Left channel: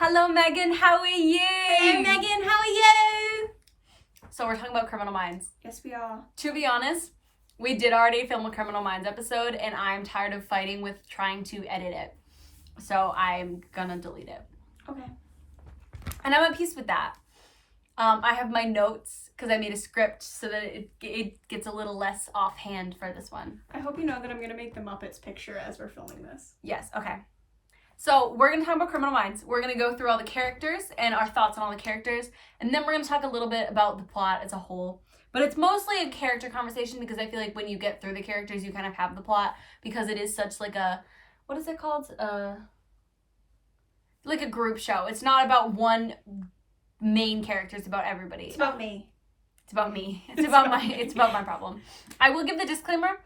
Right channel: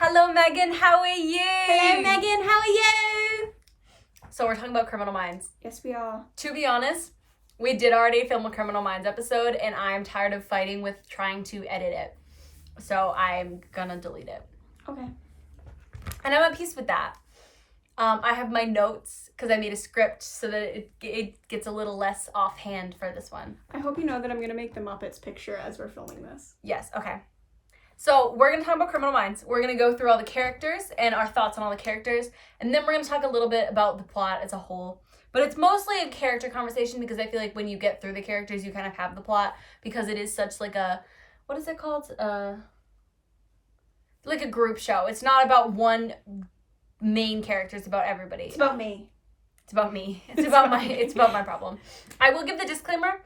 Hello, Megan. How are you? Hey, Megan. How are you? So we're talking about Criminal Minds. Yes, we are. To be honest, we did already film a Criminal Minds episode, and I'm tired of fighting with trying to edit it. So I'm gonna delete it. Okay. And I'm at peace with that. I have my notes because I made a script so that it gets a little less offhand for this one. I hope you know that I'm going to make the Muppets picture as we're filming this. Yes, okay. So we're going to talk about Criminal Minds. We're going to go through all the characters and our thoughts on all the characters. And then we're going to talk a little bit about the plot as a whole. But it's mostly a character conversation because I feel like when you get through the characters, you kind of have the plot. Because it is such like a, what is it called? Like a group show. It's not about one main character. It's about everybody. It's about me. It's about me. It's about my problem. I will give the disclaimer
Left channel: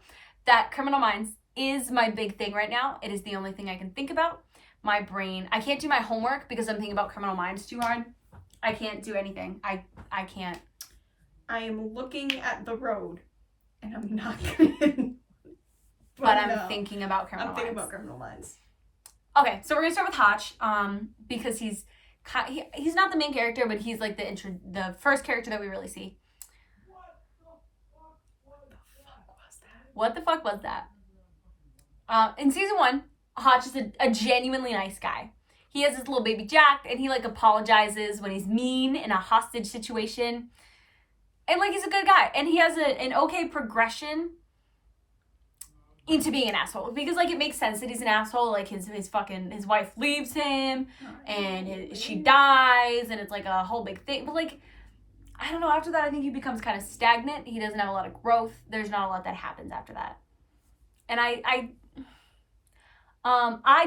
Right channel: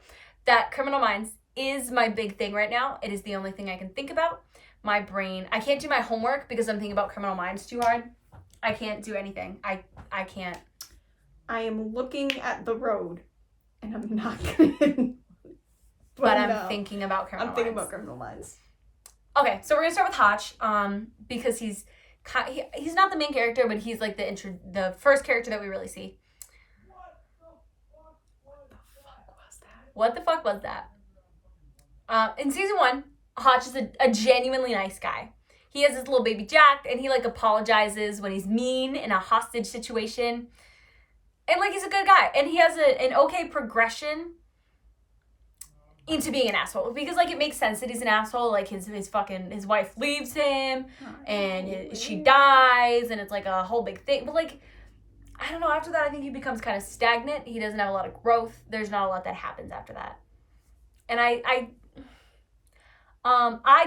that Criminal Minds is my big thing right now. It is the only thing I can think about. My brain, I can't do my homework because I'm thinking about Criminal Minds too hard. I can't do anything. I can't. I am looking at the road and I'm not gonna but I'm thinking about Criminal Minds. I'm thinking about Criminal Minds. Okay, so we're gonna start with Hotch, because he's not the main character, but he's like the first character that we really see. What the fuck was that? In season 1, Hotch is a genuinely nice guy. He has his little baby Jack, and he like apologizes when he's mean in a hostage situation. And like he's a good guy, and he has an okay progression into being an asshole, because like it makes sense that he's an asshole. Like his wife leaves him and she dies, and it's like a whole big thing. But like, I don't know, after that I think he becomes kind of stagnant. He doesn't have a lot of growth. There's not a lot that happens after that. And I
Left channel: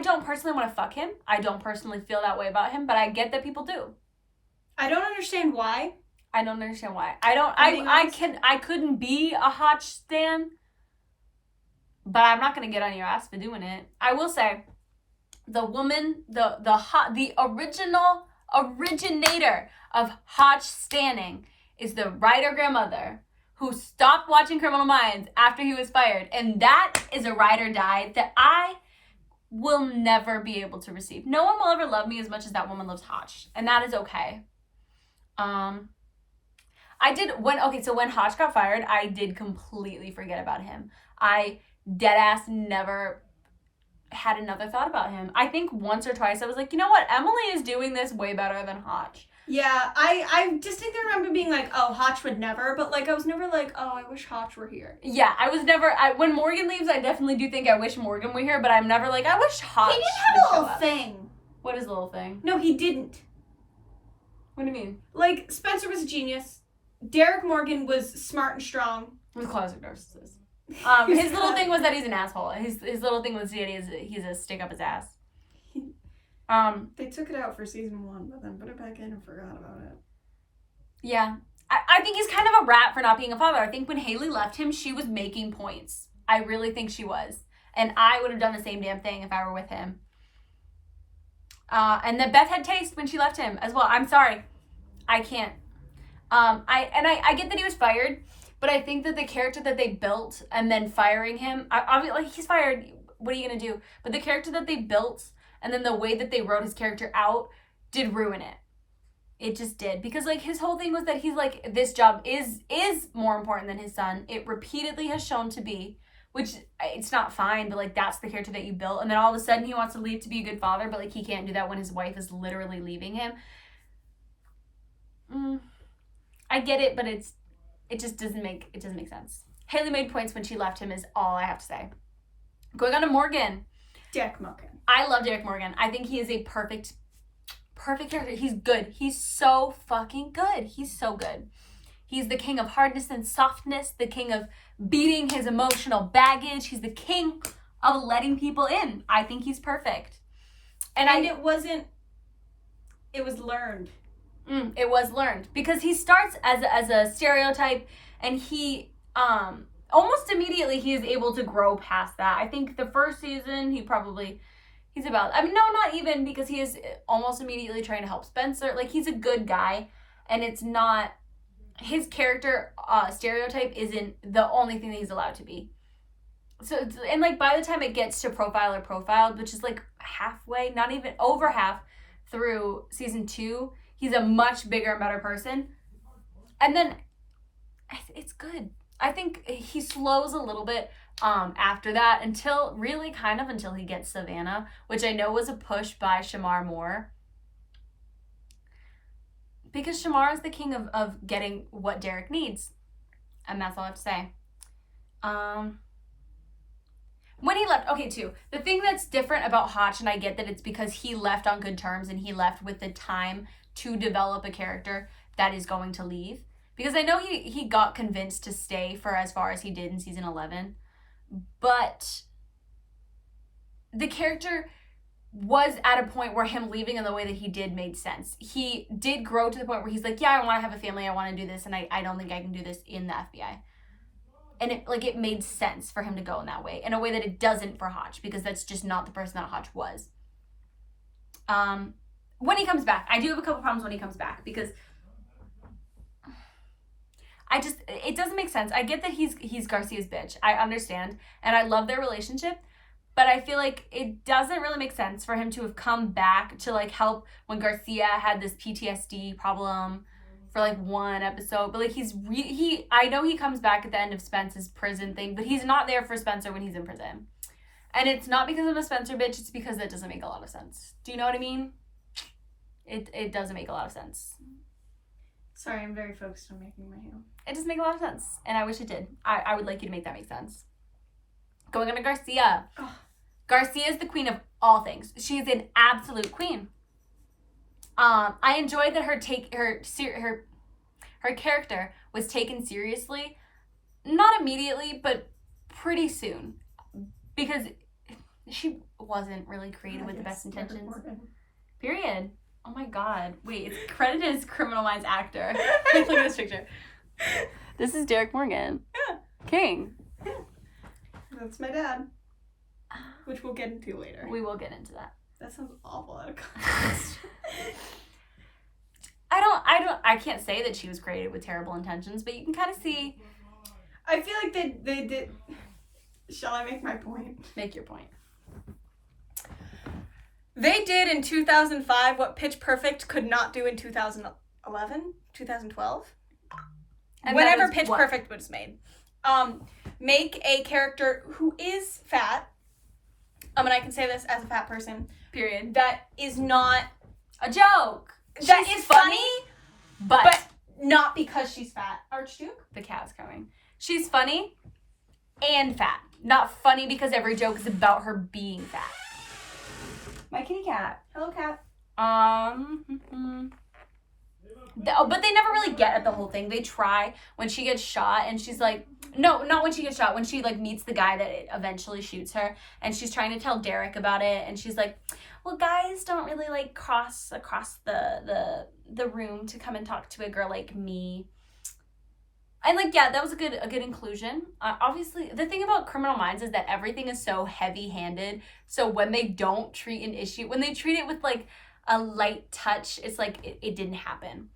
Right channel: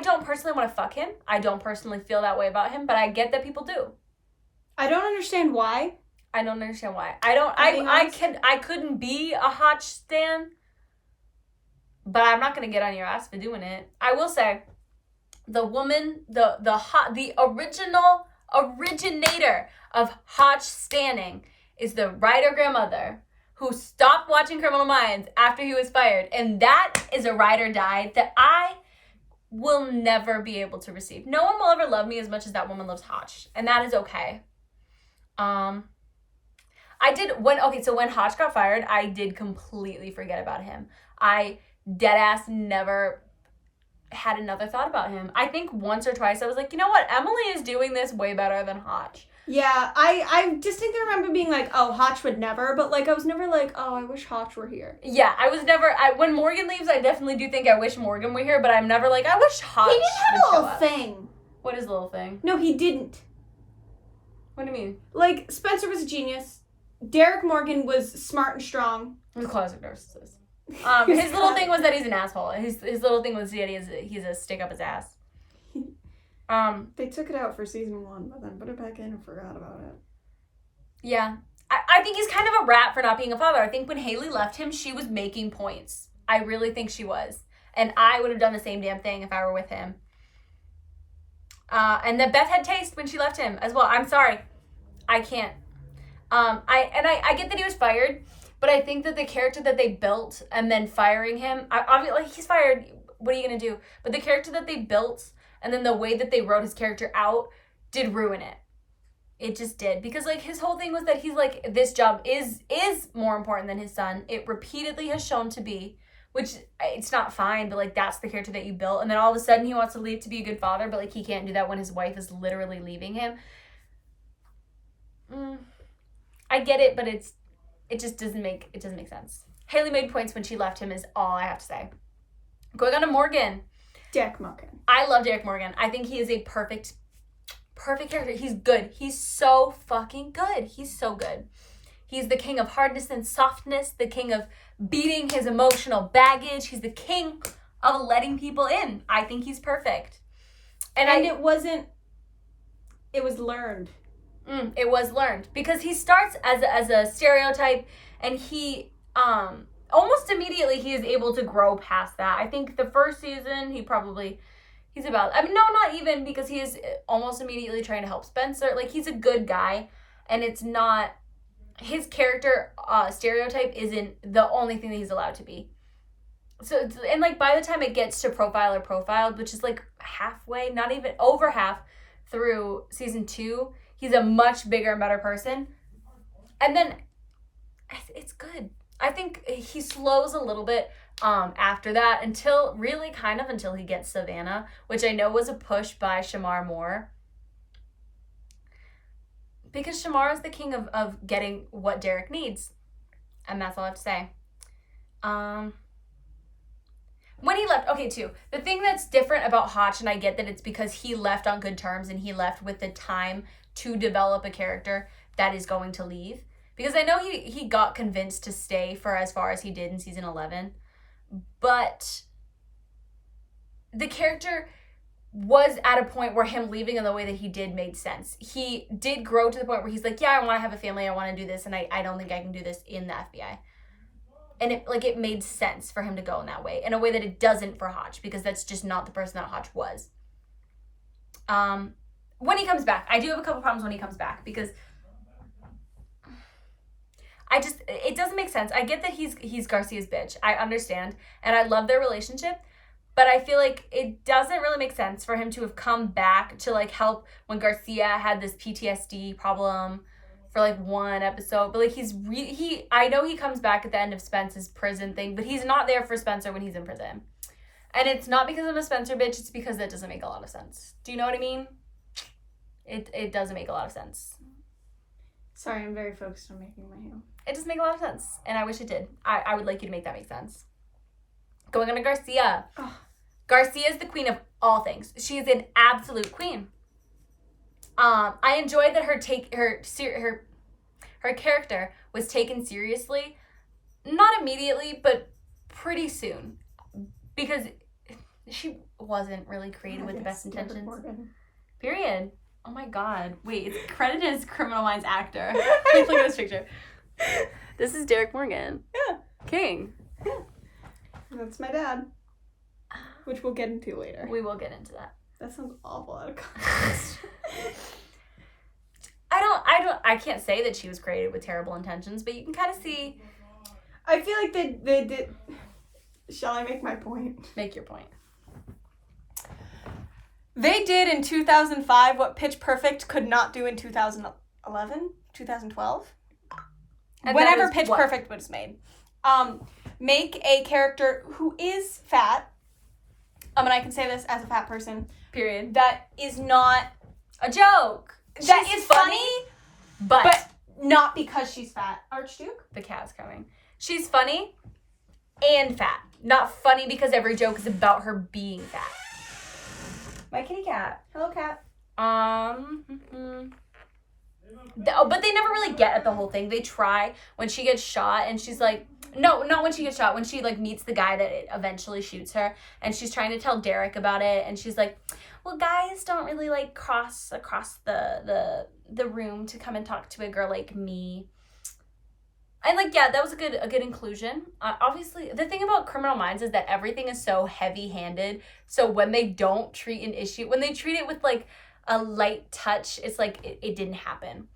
don't personally want to fuck him. I don't personally feel that way about him, but I get that people do. I don't understand why. I don't understand why. I couldn't be a Hotch stan. But I'm not gonna get on your ass for doing it. I will say, the woman, the originator of Hotch standing is the writer grandmother who stopped watching Criminal Minds after he was fired, and that is a ride or die that I will never be able to receive. No one will ever love me as much as that woman loves Hotch, and that is okay. When Hotch got fired, I did completely forget about him. I deadass never had another thought about him. I think once or twice I was like, you know what? Emily is doing this way better than Hotch. Yeah, I distinctly remember being like, oh, Hotch would never, but like I was never like, oh, I wish Hotch were here. Yeah, I was never, when Morgan leaves, I definitely do think I wish Morgan were here, but I'm never like, I wish Hotch would show up. He did a little thing. What is the little thing? No, he didn't. What do you mean? Like, Spencer was a genius. Derek Morgan was smart and strong. He's a closet narcissist. His little thing was that he's an asshole. His little thing was that he's a stick up his ass. They took it out for season 1, but then put it back in and forgot about it. Yeah. I think he's kind of a rat for not being a father. I think when Haley left him, she was making points. I really think she was. And I would have done the same damn thing if I were with him. And that Beth had taste when she left him as well. I'm sorry. I can't. I get that he was fired. But I think that the character that they built and then firing him, I mean, like, he's fired, what are you going to do? But the character that they built and then the way that they wrote his character out did ruin it. It just did. Because, like, his whole thing was that he's like, this job is more important than his son. It repeatedly has shown to be, which it's not fine, but, like, that's the character that you built. And then all of a sudden he wants to leave to be a good father, but, like, he can't do that when his wife is literally leaving him. I get it, but it just doesn't make sense. Haley made points when she left him is all I have to say. Going on to Morgan. Derek Morgan. I love Derek Morgan. I think he is a perfect character. He's good. He's so fucking good. He's so good. He's the king of hardness and softness, the king of beating his emotional baggage. He's the king of letting people in. I think he's perfect. It was learned. It was learned because he starts as a stereotype, and he almost immediately he is able to grow past that. I think the first season he's about, I mean, no, not even, because he is almost immediately trying to help Spencer. Like, he's a good guy, and it's not, his character stereotype isn't the only thing that he's allowed to be. So, and like by the time it gets to profiled, which is like halfway, not even over half through season 2, he's a much bigger and better person. And then it's good. I think he slows a little bit after that until he gets Savannah, which I know was a push by Shamar Moore. Because Shamar is the king of getting what Derek needs. And that's all I have to say. When he left, okay, too, the thing that's different about Hotch, and I get that it's because he left on good terms and he left with the time to develop a character that is going to leave. Because I know he got convinced to stay for as far as he did in season 11. But the character was at a point where him leaving in the way that he did made sense. He did grow to the point where he's like, yeah, I want to have a family, I want to do this, and I don't think I can do this in the FBI. And it made sense for him to go in that way, in a way that it doesn't for Hotch, because that's just not the person that Hotch was. When he comes back, I do have a couple problems when he comes back, because it doesn't make sense. I get that he's Garcia's bitch. I understand. And I love their relationship. But I feel like it doesn't really make sense for him to have come back to, like, help when Garcia had this PTSD problem for, like, one episode. But, like, I know he comes back at the end of Spence's prison thing, but he's not there for Spencer when he's in prison. And it's not because I'm a Spencer bitch. It's because that doesn't make a lot of sense. Do you know what I mean? It doesn't make a lot of sense. Sorry, I'm very focused on making my hair. It doesn't make a lot of sense, and I wish it did. I would like you to make that make sense. Going on to Garcia. Ugh. Garcia is the queen of all things. She is an absolute queen. I enjoyed that her character was taken seriously, not immediately, but pretty soon, because she wasn't really created with the best intentions. Period. Oh my God. Wait, it's credited as Criminal Minds actor. Look at this picture. This is Derek Morgan. Yeah. King. That's my dad. Which we'll get into later. We will get into that. That sounds awful out of context. I can't say that she was created with terrible intentions, but you can kind of see. I feel like they did. Shall I make my point? Make your point. They did in 2005 what Pitch Perfect could not do in 2011, 2012. And whenever Pitch Perfect was made. Make a character who is fat. And I can say this as a fat person. Period. That is not a joke. That is funny, but not because she's fat. Archduke? The cat's coming. She's funny and fat. Not funny because every joke is about her being fat. My kitty cat. Hello, cat. But they never really get at the whole thing. They try when she gets shot, and she's like, no, not when she gets shot. When she, like, meets the guy that eventually shoots her, and she's trying to tell Derek about it, and she's like, well, guys don't really, like, cross across the room to come and talk to a girl like me. And, like, yeah, that was a good inclusion. Obviously, the thing about Criminal Minds is that everything is so heavy-handed. So when they don't treat an issue, when they treat it with, like, a light touch, it's like it didn't happen.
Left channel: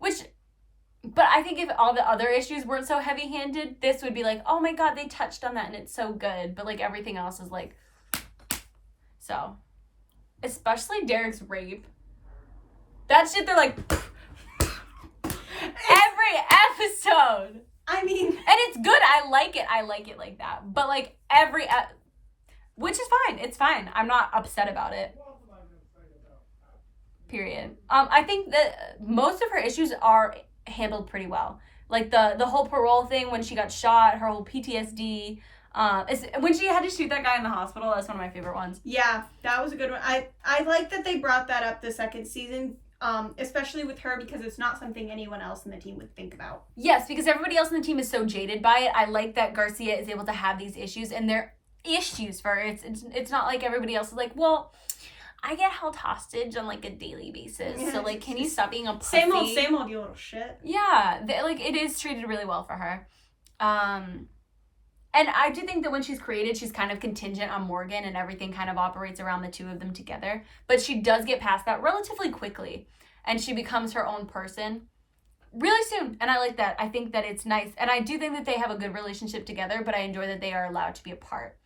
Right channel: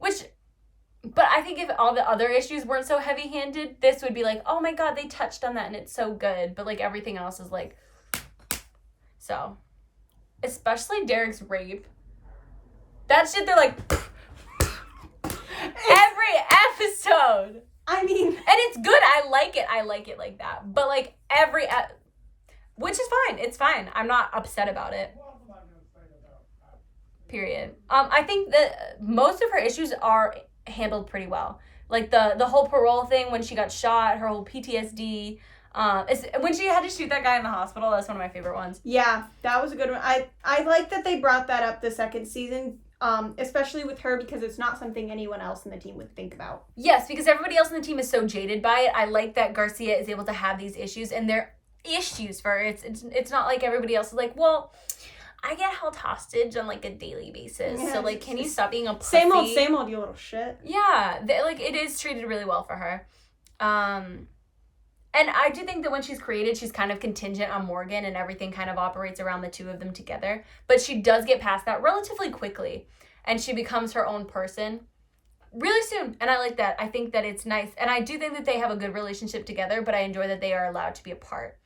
But I think if all the other issues weren't so heavy-handed, this would be like, oh my God, they touched on that and it's so good. But, like, everything else is like, so. Especially Derek's rape. That shit, they're like, every episode. I mean. And it's good. I like it like that. But, like, which is fine. It's fine. I'm not upset about it. Period. I think that most of her issues are handled pretty well. Like the whole parole thing when she got shot, her whole PTSD. When she had to shoot that guy in the hospital, that's one of my favorite ones. Yeah, that was a good one. I like that they brought that up the second season, especially with her, because it's not something anyone else in the team would think about. Yes, because everybody else in the team is so jaded by it. I like that Garcia is able to have these issues, and they're issues for her. It's not like everybody else is like, well, I get held hostage on, like, a daily basis. Yeah, so, like, can you stop being a pussy? Same old, you little shit. Yeah. It is treated really well for her. And I do think that when she's created, she's kind of contingent on Morgan, and everything kind of operates around the two of them together. But she does get past that relatively quickly, and she becomes her own person really soon. And I like that. I think that it's nice. And I do think that they have a good relationship together, but I enjoy that they are allowed to be apart.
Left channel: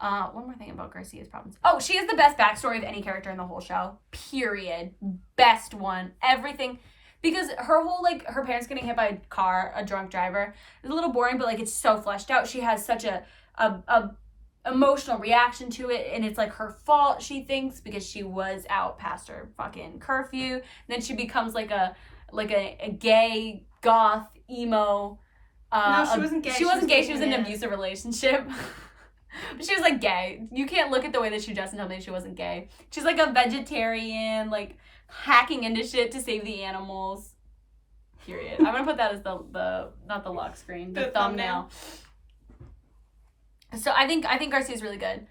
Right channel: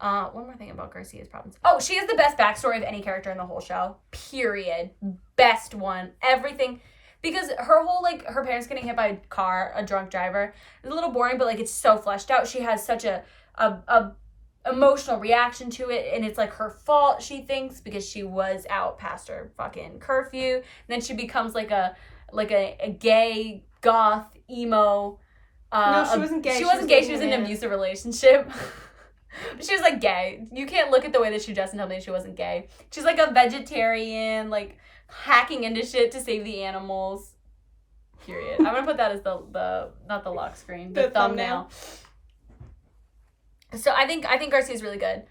One more thing about Garcia's problems. Oh, she has the best backstory of any character in the whole show. Period. Best one. Everything. Because her whole, like, her parents getting hit by a car, a drunk driver, is a little boring, but, like, it's so fleshed out. She has such a emotional reaction to it, and it's, like, her fault, she thinks, because she was out past her fucking curfew. And then she becomes, like a gay, goth, emo. No, she wasn't gay. She wasn't gay. She was in an abusive relationship. But she was, like, gay. You can't look at the way that she dressed and tell me she wasn't gay. She's, like, a vegetarian, like, hacking into shit to save the animals. Period. I'm gonna put that as the not the lock screen, the thumbnail. So I think Garcia's really good.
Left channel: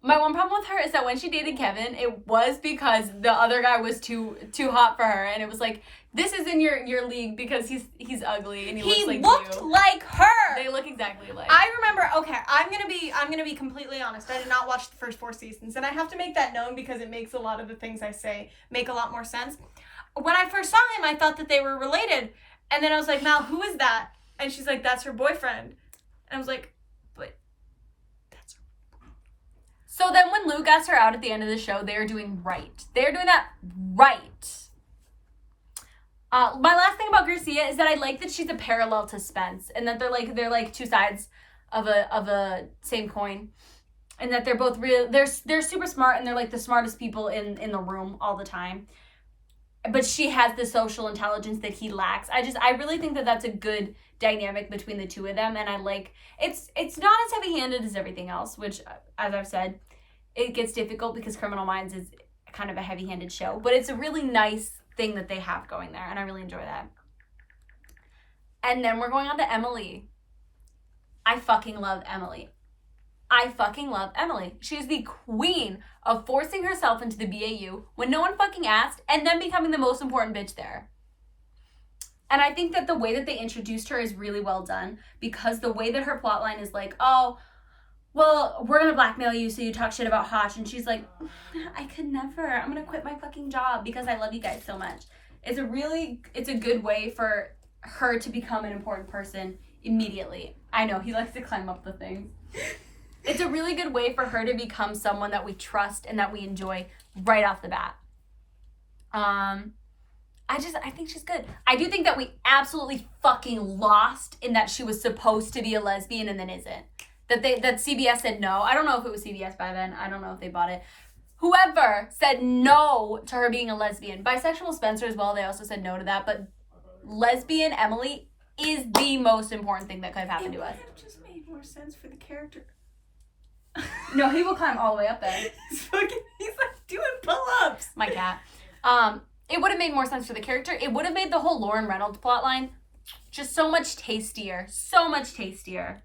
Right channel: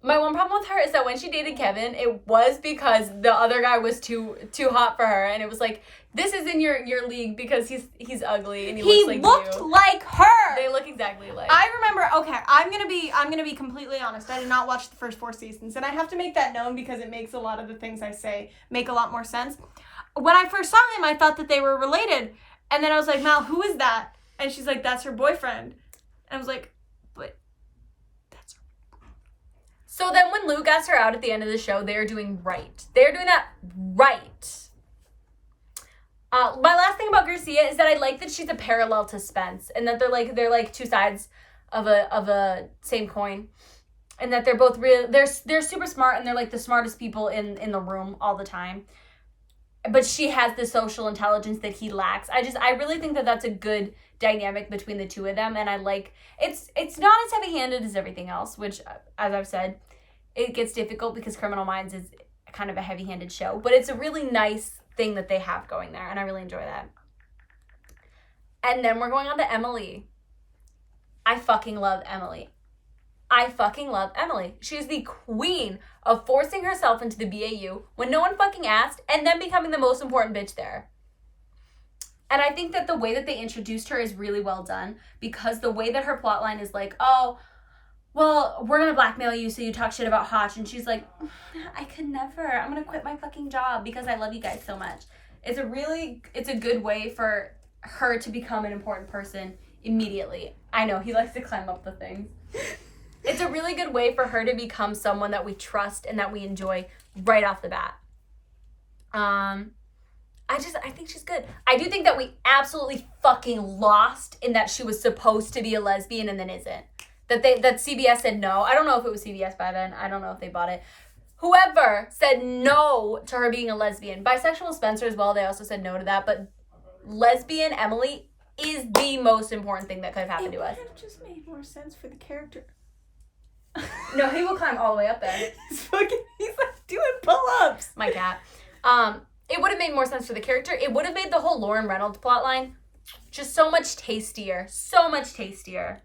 My one problem with her is that when she dated Kevin, it was because the other guy was too hot for her, and it was like, this is in your league because he's ugly and he looks like you. He looked like her. They look exactly alike. I remember. Okay, I'm gonna be completely honest. I did not watch the first 4 seasons, and I have to make that known because it makes a lot of the things I say make a lot more sense. When I first saw him, I thought that they were related, and then I was like, Mal, who is that? And she's like, that's her boyfriend. And I was like, but that's her. So then when Luke asked her out at the end of the show, they're doing right. They're doing that right. My last thing about Garcia is that I like that she's a parallel to Spence, and that they're like two sides of a same coin, and that they're both real. They're super smart, and they're like the smartest people in the room all the time. But she has the social intelligence that he lacks. I really think that that's a good dynamic between the two of them, and I like it's not as heavy-handed as everything else, which, as I've said, it gets difficult because Criminal Minds is kind of a heavy-handed show, but it's a really nice thing that they have going there, and I really enjoy that. And then we're going on to Emily. I fucking love Emily. She's the queen of forcing herself into the BAU when no one fucking asked, and then becoming the most important bitch there. And I think that the way that they introduced her is really well done, because the way that her plotline is like, oh, well, we're gonna blackmail you so you talk shit about Hotch, and she's like, I could never. I'm gonna quit my fucking job because I love you guys so much. It's a good way for her to become an important person immediately. I know, he likes to climb up the things. It's a really good way for her to become someone that we trust and that we enjoy right off the bat. I think she's good. I do think that we absolutely fucking lost in that she was supposed to be a lesbian and then isn't. That CBS said no. I don't know if it was CBS by then. I don't know if they bought it. Whoever said no to her being a lesbian. Bisexual Spencer as well, they also said no to that. But lesbian Emily is the most important thing that could have happened to us. It would have just made more sense for the character. No, he will climb all the way up there. He's like doing pull-ups. My cat. It would have made more sense for the character. It would have made the whole Lauren Reynolds plotline just so much tastier. So much tastier.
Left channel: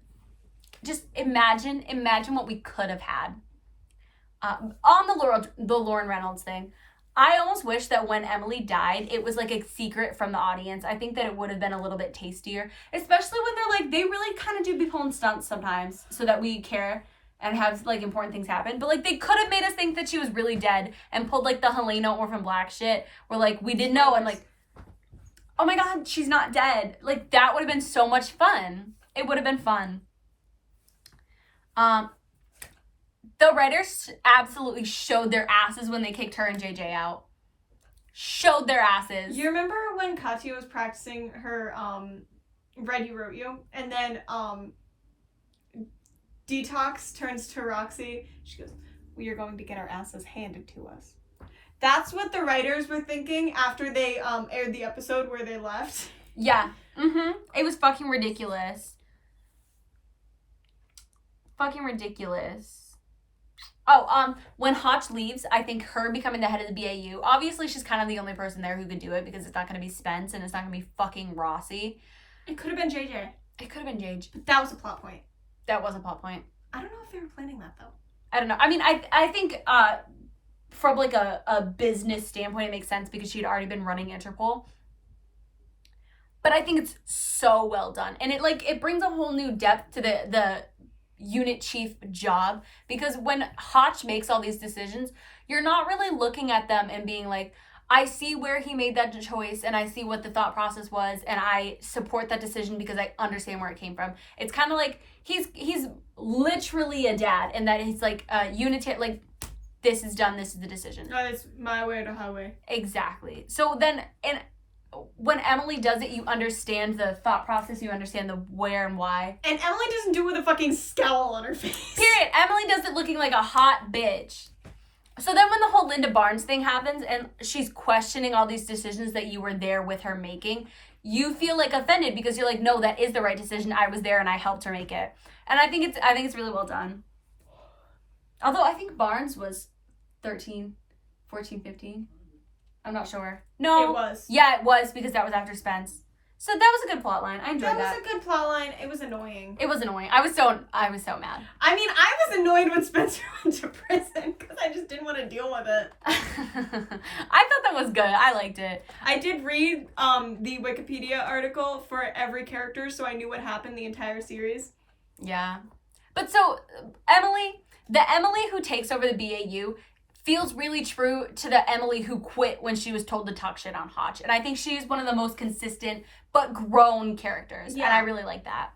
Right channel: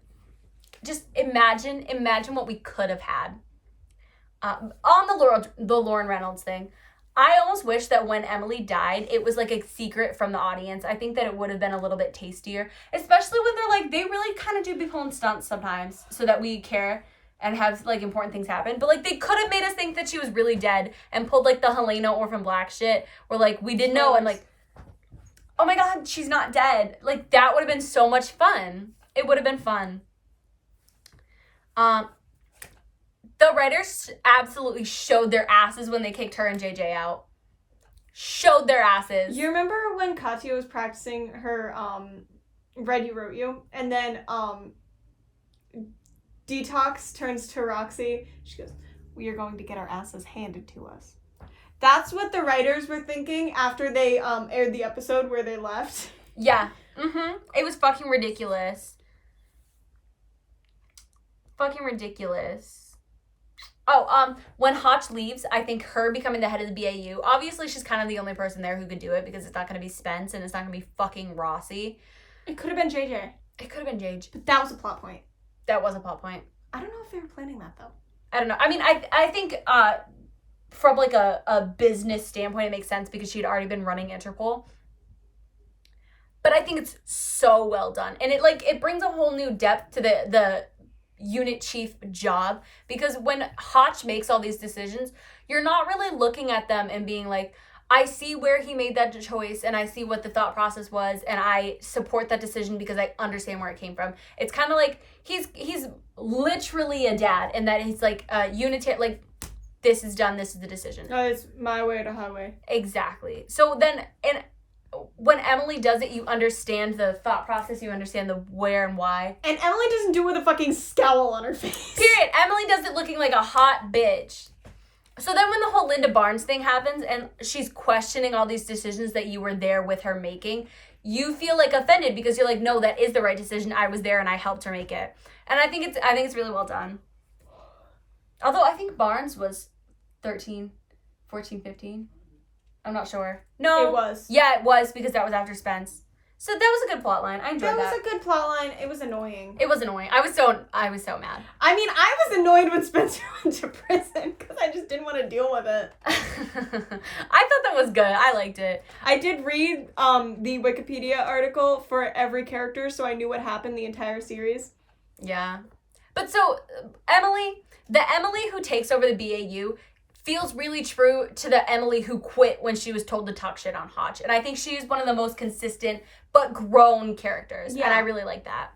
Just imagine what we could have had. On the Lauren Reynolds thing, I almost wish that when Emily died, it was like a secret from the audience. I think that it would have been a little bit tastier, especially when they're like, they really kind of do be pulling stunts sometimes so that we care and have like important things happen. But like they could have made us think that she was really dead and pulled like the Helena Orphan Black shit where like we didn't know and like, oh my God, she's not dead. Like that would have been so much fun. It would have been fun. The writers absolutely showed their asses when they kicked her and JJ out. Showed their asses. You remember when Katya was practicing her Read You Wrote You, and then Detox turns to Roxy. She goes, "We are going to get our asses handed to us." That's what the writers were thinking after they aired the episode where they left. Yeah. It was fucking ridiculous. Fucking ridiculous. Oh, when Hotch leaves, I think her becoming the head of the BAU, obviously she's kind of the only person there who could do it because it's not going to be Spence and it's not going to be fucking Rossi. It could have been JJ. It could have been JJ. But that was a plot point. That was a plot point. I don't know if they were planning that, though. I don't know. I mean, I think from like a business standpoint, it makes sense because she had already been running Interpol. But I think it's so well done. And it brings a whole new depth to the unit chief job, because when Hotch makes all these decisions, you're not really looking at them and being like, I see where he made that choice, and I see what the thought process was, and I support that decision because I understand where it came from. It's kind of like he's literally a dad, and that he's like unitary, like this is done, this is the decision. Oh, it's my way or the highway. Exactly. So then, and when Emily does it, you understand the thought process, you understand the where and why. And Emily doesn't do it with a fucking scowl on her face. Period. Emily does it looking like a hot bitch. So then when the whole Linda Barnes thing happens and she's questioning all these decisions that you were there with her making, you feel like offended because you're like, no, that is the right decision. I was there and I helped her make it. And I think it's really well done. Although I think Barnes was 13, 14, 15. I'm not sure. No. It was. Yeah, it was because that was after Spence. So that was a good plot line. I enjoyed that. That was a good plot line. It was annoying. It was annoying. I was so mad. I mean, I was annoyed when Spencer went to prison because I just didn't want to deal with it. I thought that was good. I liked it. I did read the Wikipedia article for every character, so I knew what happened the entire series. Yeah. But so, the Emily who takes over the BAU feels really true to the Emily who quit when she was told to talk shit on Hotch. And I think she's one of the most consistent but grown characters. Yeah. And I really like that.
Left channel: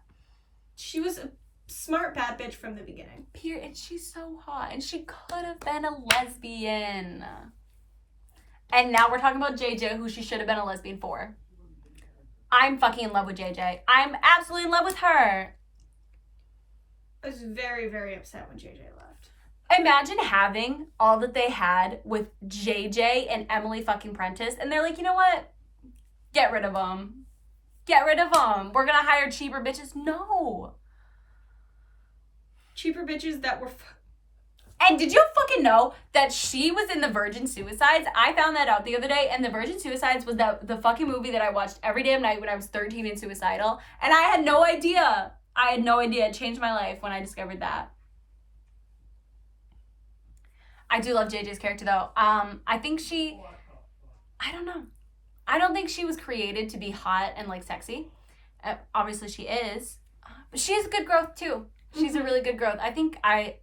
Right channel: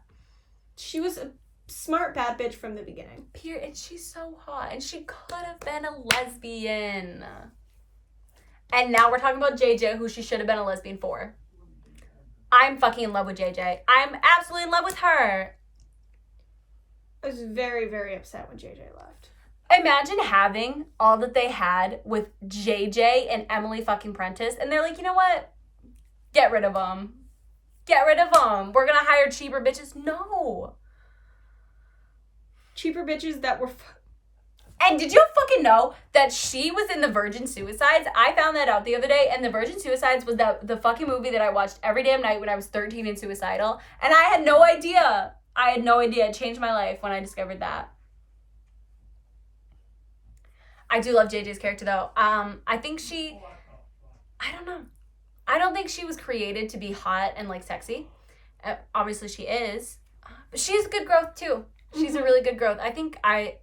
She was a smart bad bitch from the beginning. Period. And she's so hot. And she could have been a lesbian. And now we're talking about JJ, who she should have been a lesbian for. I'm fucking in love with JJ. I'm absolutely in love with her. I was very, very upset when JJ left. Imagine having all that they had with JJ and Emily fucking Prentice, and they're like, you know what? Get rid of them. Get rid of them. We're gonna hire cheaper bitches. No. Cheaper bitches that were... And did you fucking know that she was in the Virgin Suicides? I found that out the other day, and the Virgin Suicides was the fucking movie that I watched every damn night when I was 13 and suicidal, and I had no idea. It changed my life when I discovered that. I do love JJ's character, though. I think I don't know. I don't think she was created to be hot and, like, sexy. Obviously, she is. But she has good growth, too. She's a really good growth. I think I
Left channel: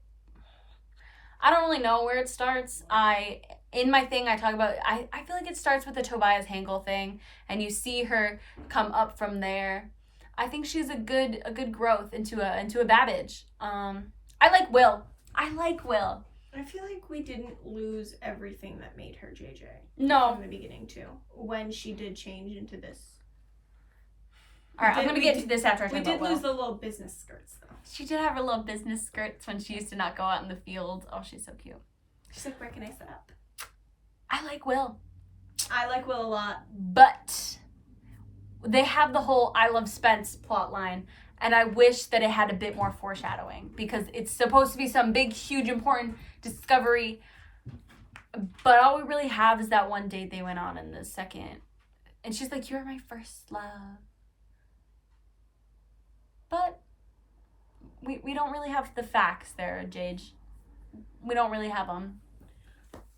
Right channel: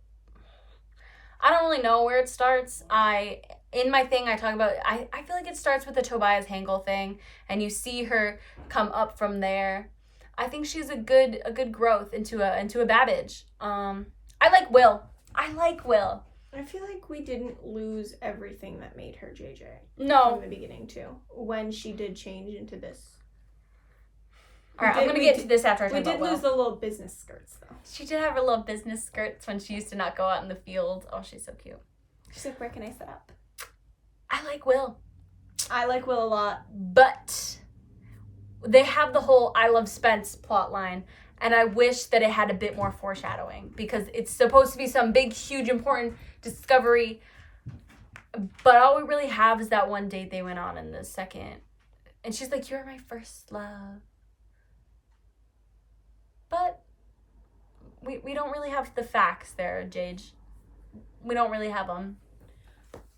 don't really know where it starts. In my thing, I talk about, I feel like it starts with the Tobias Hankel thing, and you see her come up from there. I think she's a good growth into a Babbage. I like Will. I feel like we didn't lose everything that made her JJ. No. From the beginning, too. When she did change into this. Alright, I'm going to get to this after I talk about Will. We did lose the little business skirts, though. She did have her little business skirts when she used to not go out in the field. Oh, she's so cute. She's like, where can I set up? I like Will. I like Will a lot. But they have the whole I love Spence plot line. And I wish that it had a bit more foreshadowing. Because it's supposed to be some big, huge, important discovery, but all we really have is that one date they went on in the second, and she's like, you're my first love, but we don't really have the facts there, Jade. We don't really have them.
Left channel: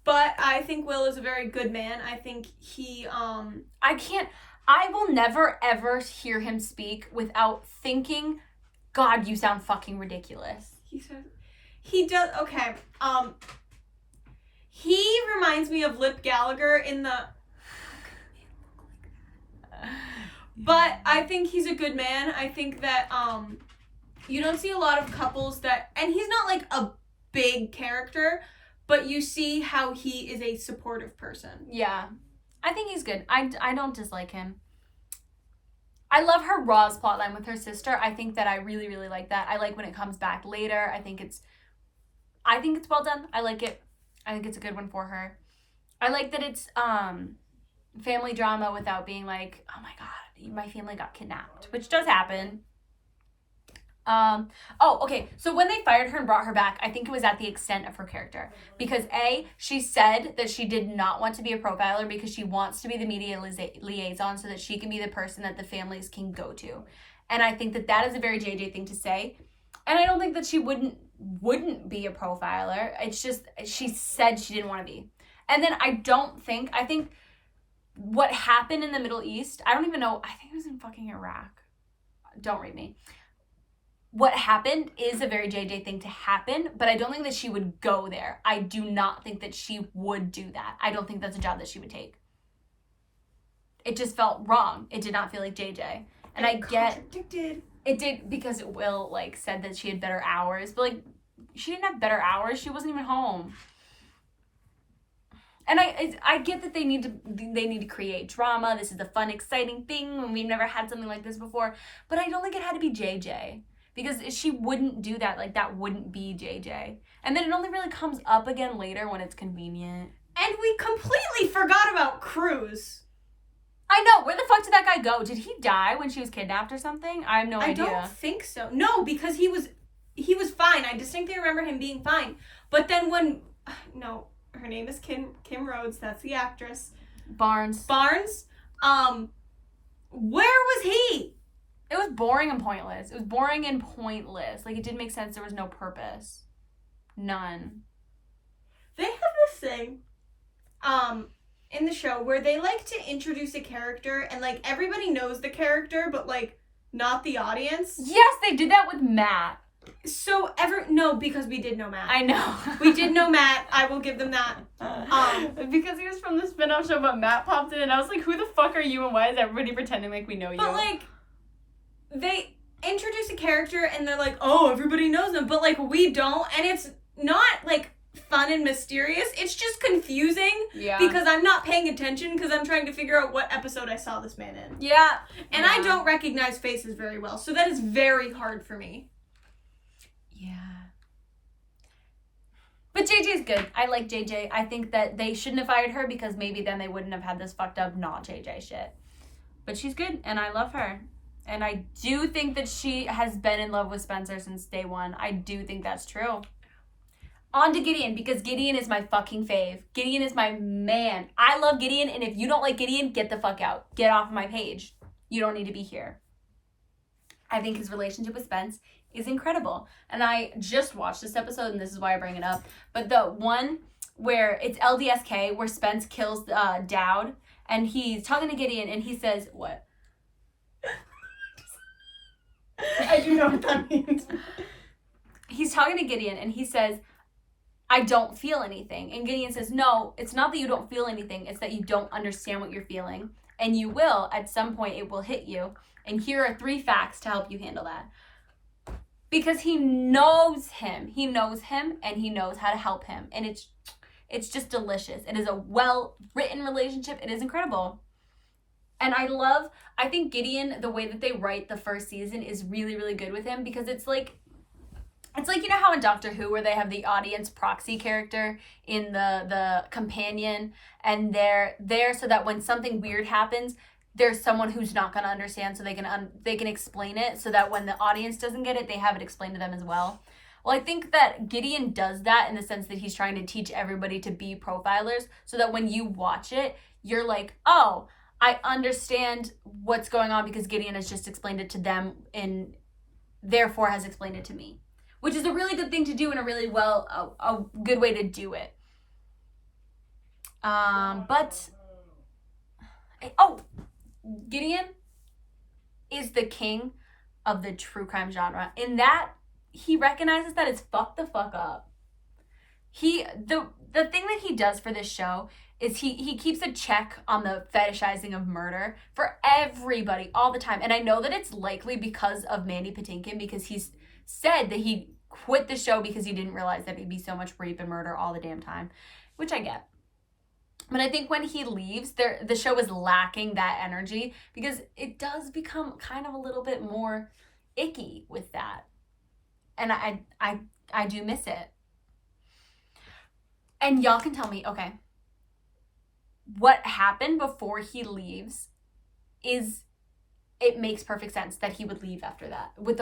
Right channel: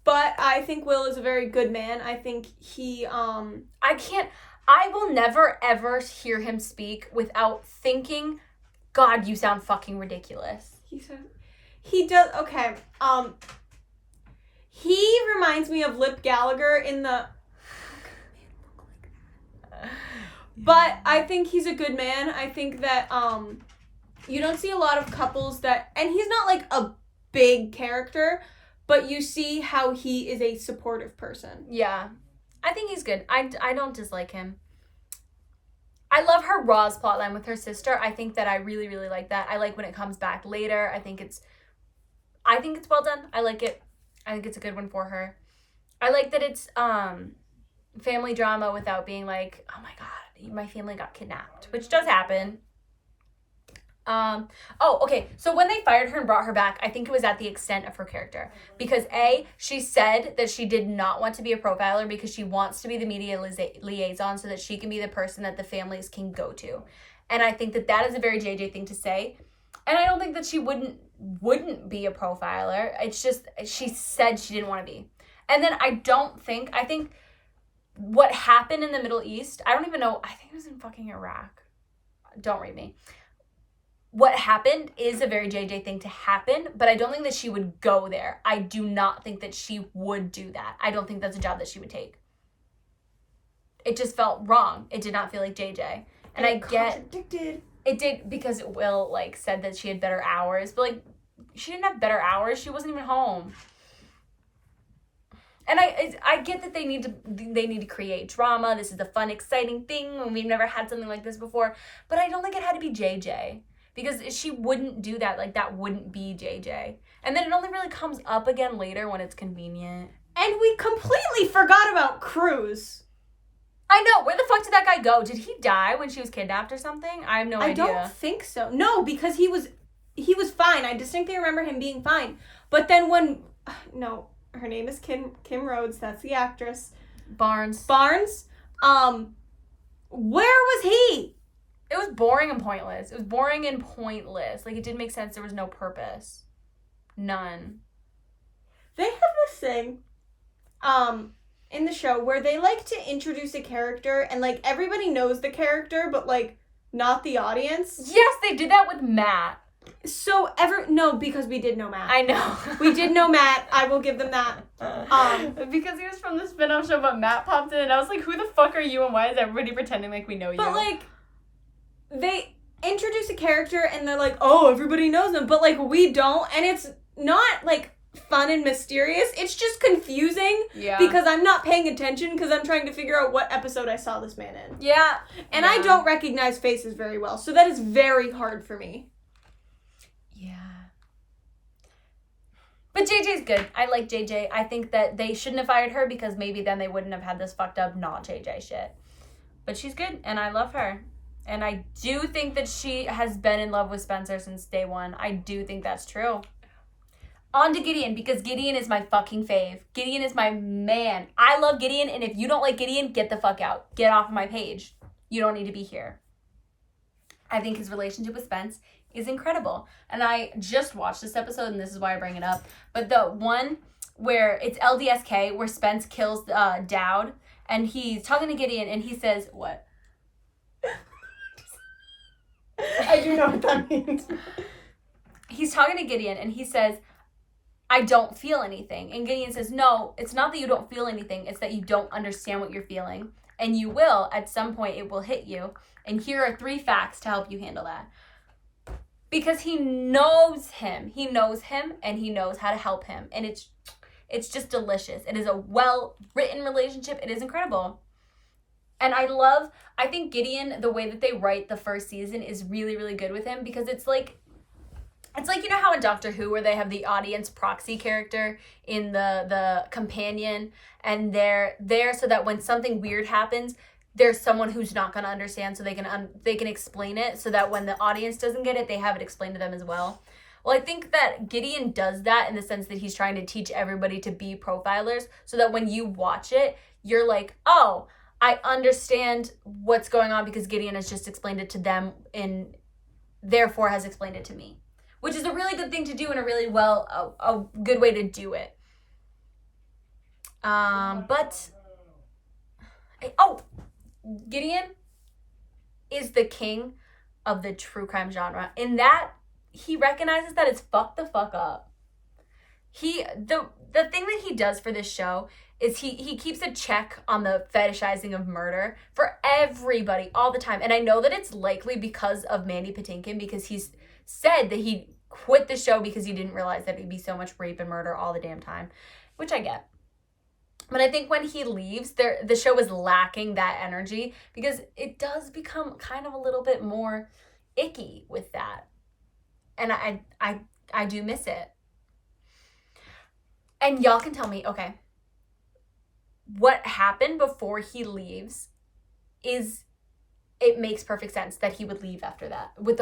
But I think Will is a very good man. I think he I will never ever hear him speak without thinking, God, you sound fucking ridiculous. He does, okay, he reminds me of Lip Gallagher in the... But I think he's a good man. I think that, you don't see a lot of couples that... And he's not, like, a big character, but you see how he is a supportive person. Yeah. I think he's good. I don't dislike him. I love her Roz plotline with her sister. I think that I really, really like that. I like when it comes back later. I think it's well done. I like it. I think it's a good one for her. I like that it's family drama without being like, oh my God, my family got kidnapped, which does happen. Okay. So when they fired her and brought her back, I think it was at the extent of her character. Because she said that she did not want to be a profiler because she wants to be the media liaison so that she can be the person that the families can go to. And I think that is a very JJ thing to say. And I don't think that she wouldn't be a profiler. It's just she said she didn't want to be. And then I think what happened in the Middle East, I don't even know. I think it was in fucking Iraq. Don't read me. what happened is a very JJ thing to happen, but I don't think that she would go there. I do not think that she would do that. I don't think that's a job that she would take. It just felt wrong. It did not feel like JJ. And I get it did, because Will like said that she had better hours, but like she didn't have better hours. She wasn't even home. And I get that they need to create drama. This is a fun, exciting thing, and we've never had something like this before. But I don't think it had to be JJ, because she wouldn't do that. Like, that wouldn't be JJ. And then it only really comes up again later when it's convenient. And we completely forgot about Cruz. I know. Where the fuck did that guy go? Did he die when she was kidnapped or something? I have no idea. I don't think so. No, because he was fine. I distinctly remember him being fine. But then when... No, her name is Kim Rhodes. That's the actress. Barnes. Where was he? It was boring and pointless. Like, it didn't make sense. There was no purpose. None. They have this thing... in the show where they like to introduce a character and like everybody knows the character but like not the audience. Yes, they did that with Matt. So because we did know Matt. I know. We did know Matt. I will give them that. Because he was from the spin-off show, but Matt popped in and I was like, who the fuck are you and why is everybody pretending like we know you? But like they introduce a character and they're like, oh, everybody knows them, but like we don't, and it's not like fun and mysterious. It's just confusing. Yeah. Because I'm not paying attention because I'm trying to figure out what episode I saw this man in. Yeah. And I don't recognize faces very well, so that is very hard for me. Yeah. But JJ's good. I like JJ. I think that they shouldn't have fired her because maybe then they wouldn't have had this fucked up not JJ shit. But she's good and I love her. And I do think that she has been in love with Spencer since day one. I do think that's true. On to Gideon, because Gideon is my fucking fave. Gideon is my man. I love Gideon, and if you don't like Gideon, get the fuck out. Get off my page. You don't need to be here. I think his relationship with Spence is incredible. And I just watched this episode, and this is why I bring it up. But the one where it's LDSK, where Spence kills Dowd, and he's talking to Gideon, and he says, what? I do know what that means. He's talking to Gideon, and he says, I don't feel anything. And Gideon says, no, it's not that you don't feel anything. It's that you don't understand what you're feeling. And you will, at some point, it will hit you. And here are 3 facts to help you handle that. Because he knows him. He knows him, and he knows how to help him. And it's just delicious. It is a well-written relationship. It is incredible. And I think Gideon, the way that they write the first season is really, really good with him. Because it's like, you know how in Doctor Who where they have the audience proxy character in the companion, and they're there so that when something weird happens, there's someone who's not going to understand, so they can explain it, so that when the audience doesn't get it, they have it explained to them as well. Well, I think that Gideon does that in the sense that he's trying to teach everybody to be profilers, so that when you watch it, you're like, oh, I understand what's going on because Gideon has just explained it to them and therefore has explained it to me. Which is a really good thing to do and a really a good way to do it. Gideon is the king of the true crime genre. In that, he recognizes that it's fucked the fuck up. The thing that he does for this show is he keeps a check on the fetishizing of murder for everybody all the time. And I know that it's likely because of Mandy Patinkin, because he's said that he quit the show because he didn't realize that it'd be so much rape and murder all the damn time, which I get. But I think when he leaves, the show is lacking that energy because it does become kind of a little bit more icky with that. And I do miss it. And y'all can tell me, okay, what happened before he leaves is... It makes perfect sense that he would leave after that with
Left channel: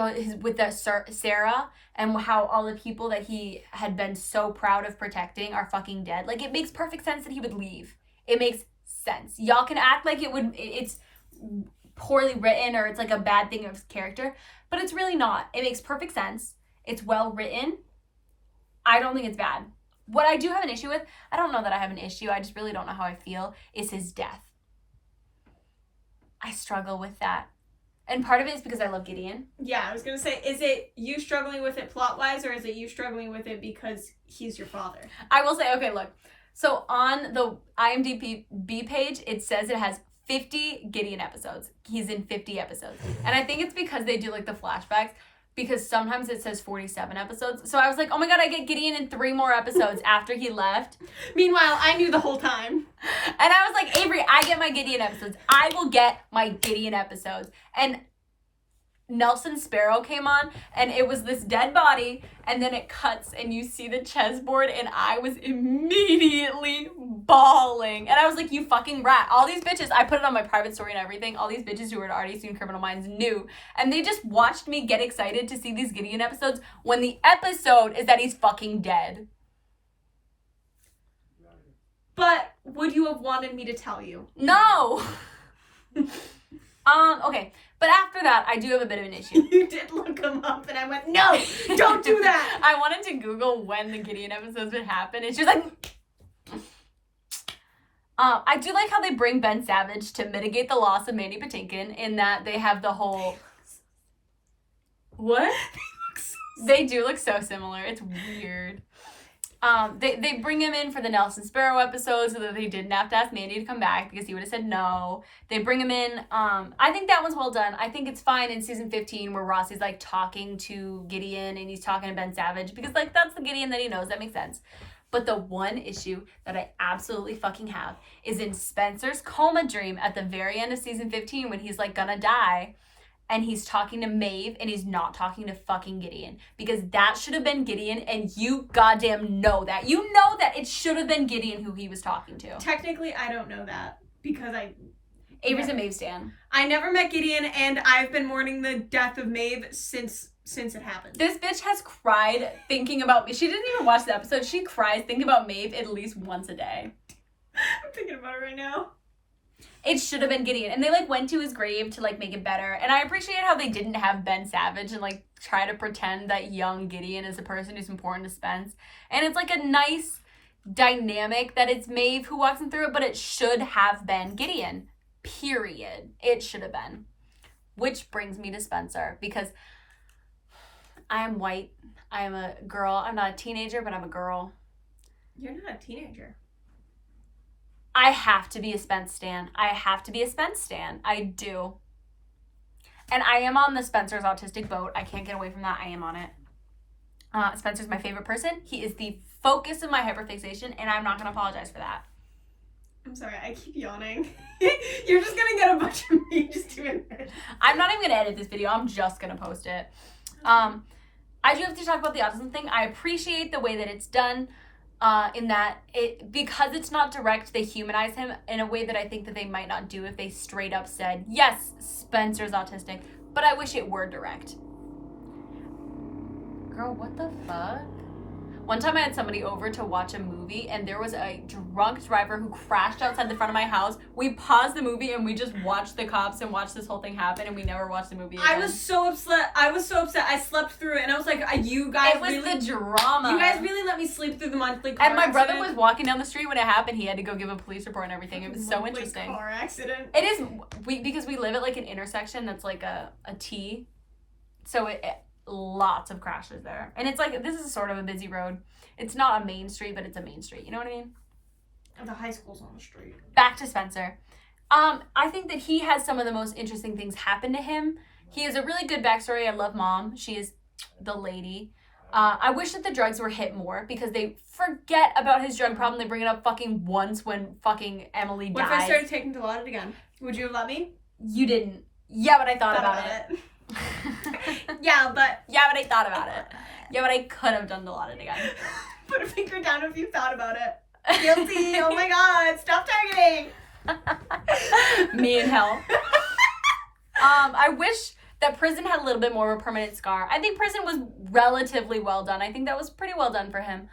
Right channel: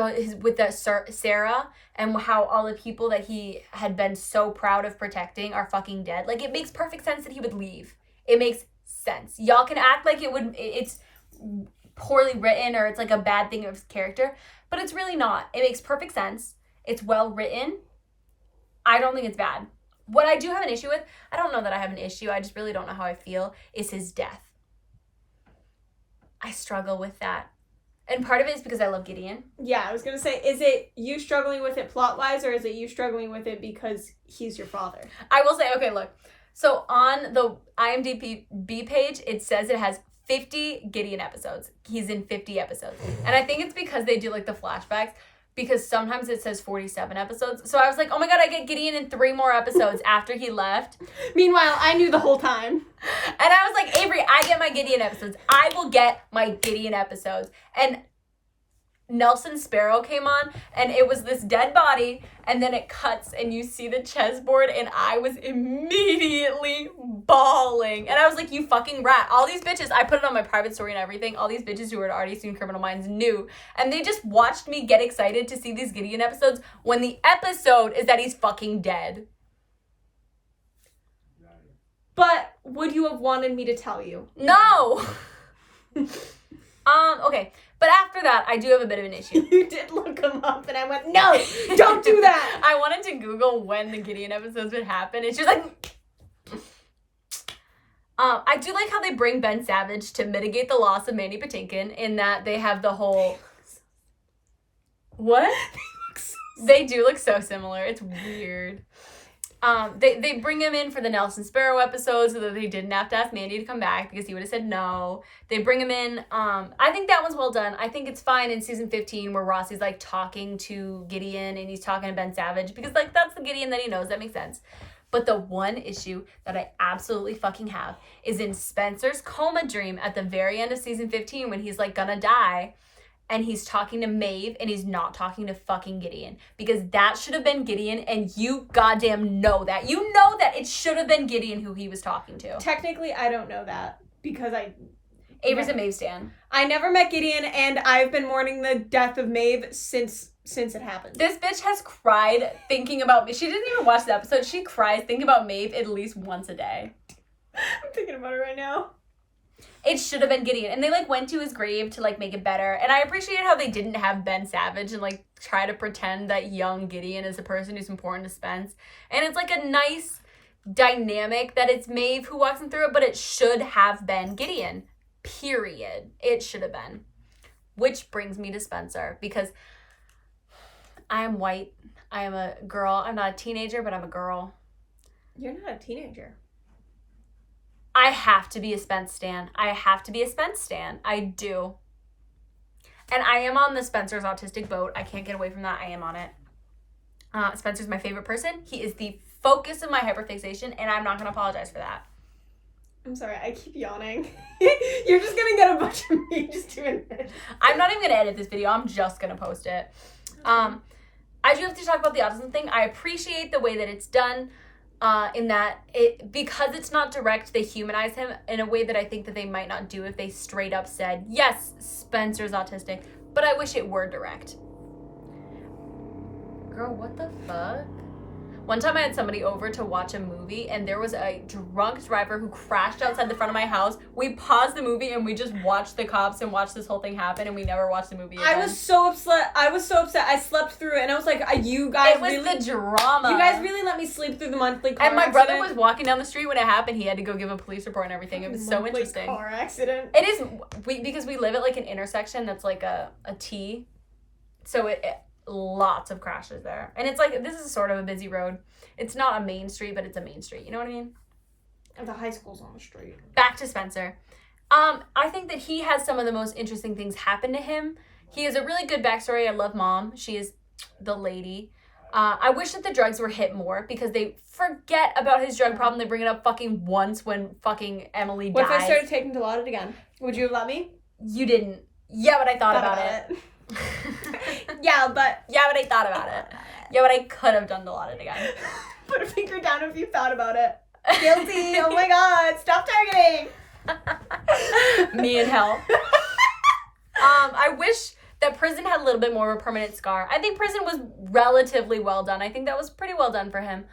Sarah and how all the people that he had been so proud of protecting are fucking dead. Like, it makes perfect sense that he would leave. It makes sense. Y'all can act like it's poorly written or it's like a bad thing of his character, but it's really not. It makes perfect sense. It's well written. I don't think it's bad. What I do have an issue with, I don't know that I have an issue, I just really don't know how I feel, is his death. I struggle with that. And part of it is because I love Gideon. Yeah, I was going to say, is it you struggling with it plot-wise, or is it you struggling with it because he's your father? I will say, okay, look. So on the IMDb page, it says it has 50 Gideon episodes. He's in 50 episodes. And I think it's because they do, like, the flashbacks, because sometimes it says 47 episodes. So I was like, oh my god, I get Gideon in 3 more episodes after he left. Meanwhile, I knew the whole time. And I was like, Avery, I get my Gideon episodes. I will get my Gideon episodes. And Nelson Sparrow came on, and it was this dead body, and then it cuts, and you see the chessboard, and I was immediately bawling. And I was like, you fucking rat. All these bitches, I put it on my private story and everything, all these bitches who had already seen Criminal Minds knew, and they just watched me get excited to see these Gideon episodes when the episode is that he's fucking dead. But would you have wanted me to tell you? No! Okay. But after that, I do have a bit of an issue. You did look him up, and I went, no, don't do that. I wanted to Google when the Gideon episodes would happen. It's just like... I do like how they bring Ben Savage to mitigate the loss of Mandy Patinkin, in that they have the whole... What? They do look so similar. It's weird. They bring him in for the Nelson Sparrow episode so that they didn't have to ask Mandy to come back because he would have said no. They bring him in. I think that one's well done. I think it's fine in season 15 where Rossi's like talking to Gideon and he's talking to Ben Savage because like that's the Gideon that he knows. That makes sense. But the one issue that I absolutely fucking have is in Spencer's coma dream at the very end of season 15 when he's like gonna die. And he's talking to Maeve, and he's not talking to fucking Gideon. Because that should have been Gideon, and you goddamn know that. You know that it should have been Gideon who he was talking to. Technically, I don't know that, because Avery's a Maeve stan. I never met Gideon, and I've been mourning the death of Maeve since it happened. This bitch has cried thinking about me. She didn't even watch the episode. She cries thinking about Maeve at least once a day. I'm thinking about it right now. It should have been Gideon. And they, like, went to his grave to, like, make it better. And I appreciate how they didn't have Ben Savage and, like, try to pretend that young Gideon is a person who's important to Spence. And it's, like, a nice dynamic that it's Maeve who walks him through it, but it should have been Gideon. Period. It should have been. Which brings me to Spencer, because I am white. I am a girl. I'm not a teenager, but I'm a girl. You're not a teenager. I have to be a Spence stan. I have to be a Spence stan. I do. And I am on the Spencer's autistic boat. I can't get away from that. I am on it. Spencer's my favorite person. He is the focus of my hyperfixation, and I'm not going to apologize for that. I'm sorry. I keep yawning. You're just going to get a bunch of me just doing this. I'm not even going to edit this video. I'm just going to post it. I do have to talk about the autism thing. I appreciate the way that it's done. In that because it's not direct, they humanize him in a way that I think that they might not do if they straight up said, yes, Spencer's autistic, but I wish it were direct. Girl, what the fuck? One time I had somebody over to watch a movie and there was a drunk driver who crashed outside the front of my house. We paused the movie and we just watched the cops and watched this whole thing happen and we never watched the movie again. I was so upset. I slept through it and I was like, you guys It was the drama. You guys really let me sleep through the monthly car And my accident. brother was walking down the street when it happened. He had to go give a police report and everything. It was so interesting. Car accident. It is, because we live at like an intersection that's like a T. So it lots of crashes there. And it's like, this is sort of a busy road. It's not a main street, but it's a main street. You know what I mean? The high school's on the street. Back to Spencer. I think that he has some of the most interesting things happen to him. He has a really good backstory. I love Mom. She is the lady. I wish that the drugs were hit more because they forget about his drug problem. They bring it up fucking once when fucking Emily dies. Once I started taking Dilaudid again, would you have let me? You didn't. Yeah, but I thought about it. Yeah, but I thought about it. Yeah, but I could have done Dilaudid again. Put a finger down if you thought about it. Guilty. Oh my god, stop targeting. Me in hell. I wish that Prison had a little bit more of a permanent scar. I think Prison was relatively well done. I think that was pretty well done for him.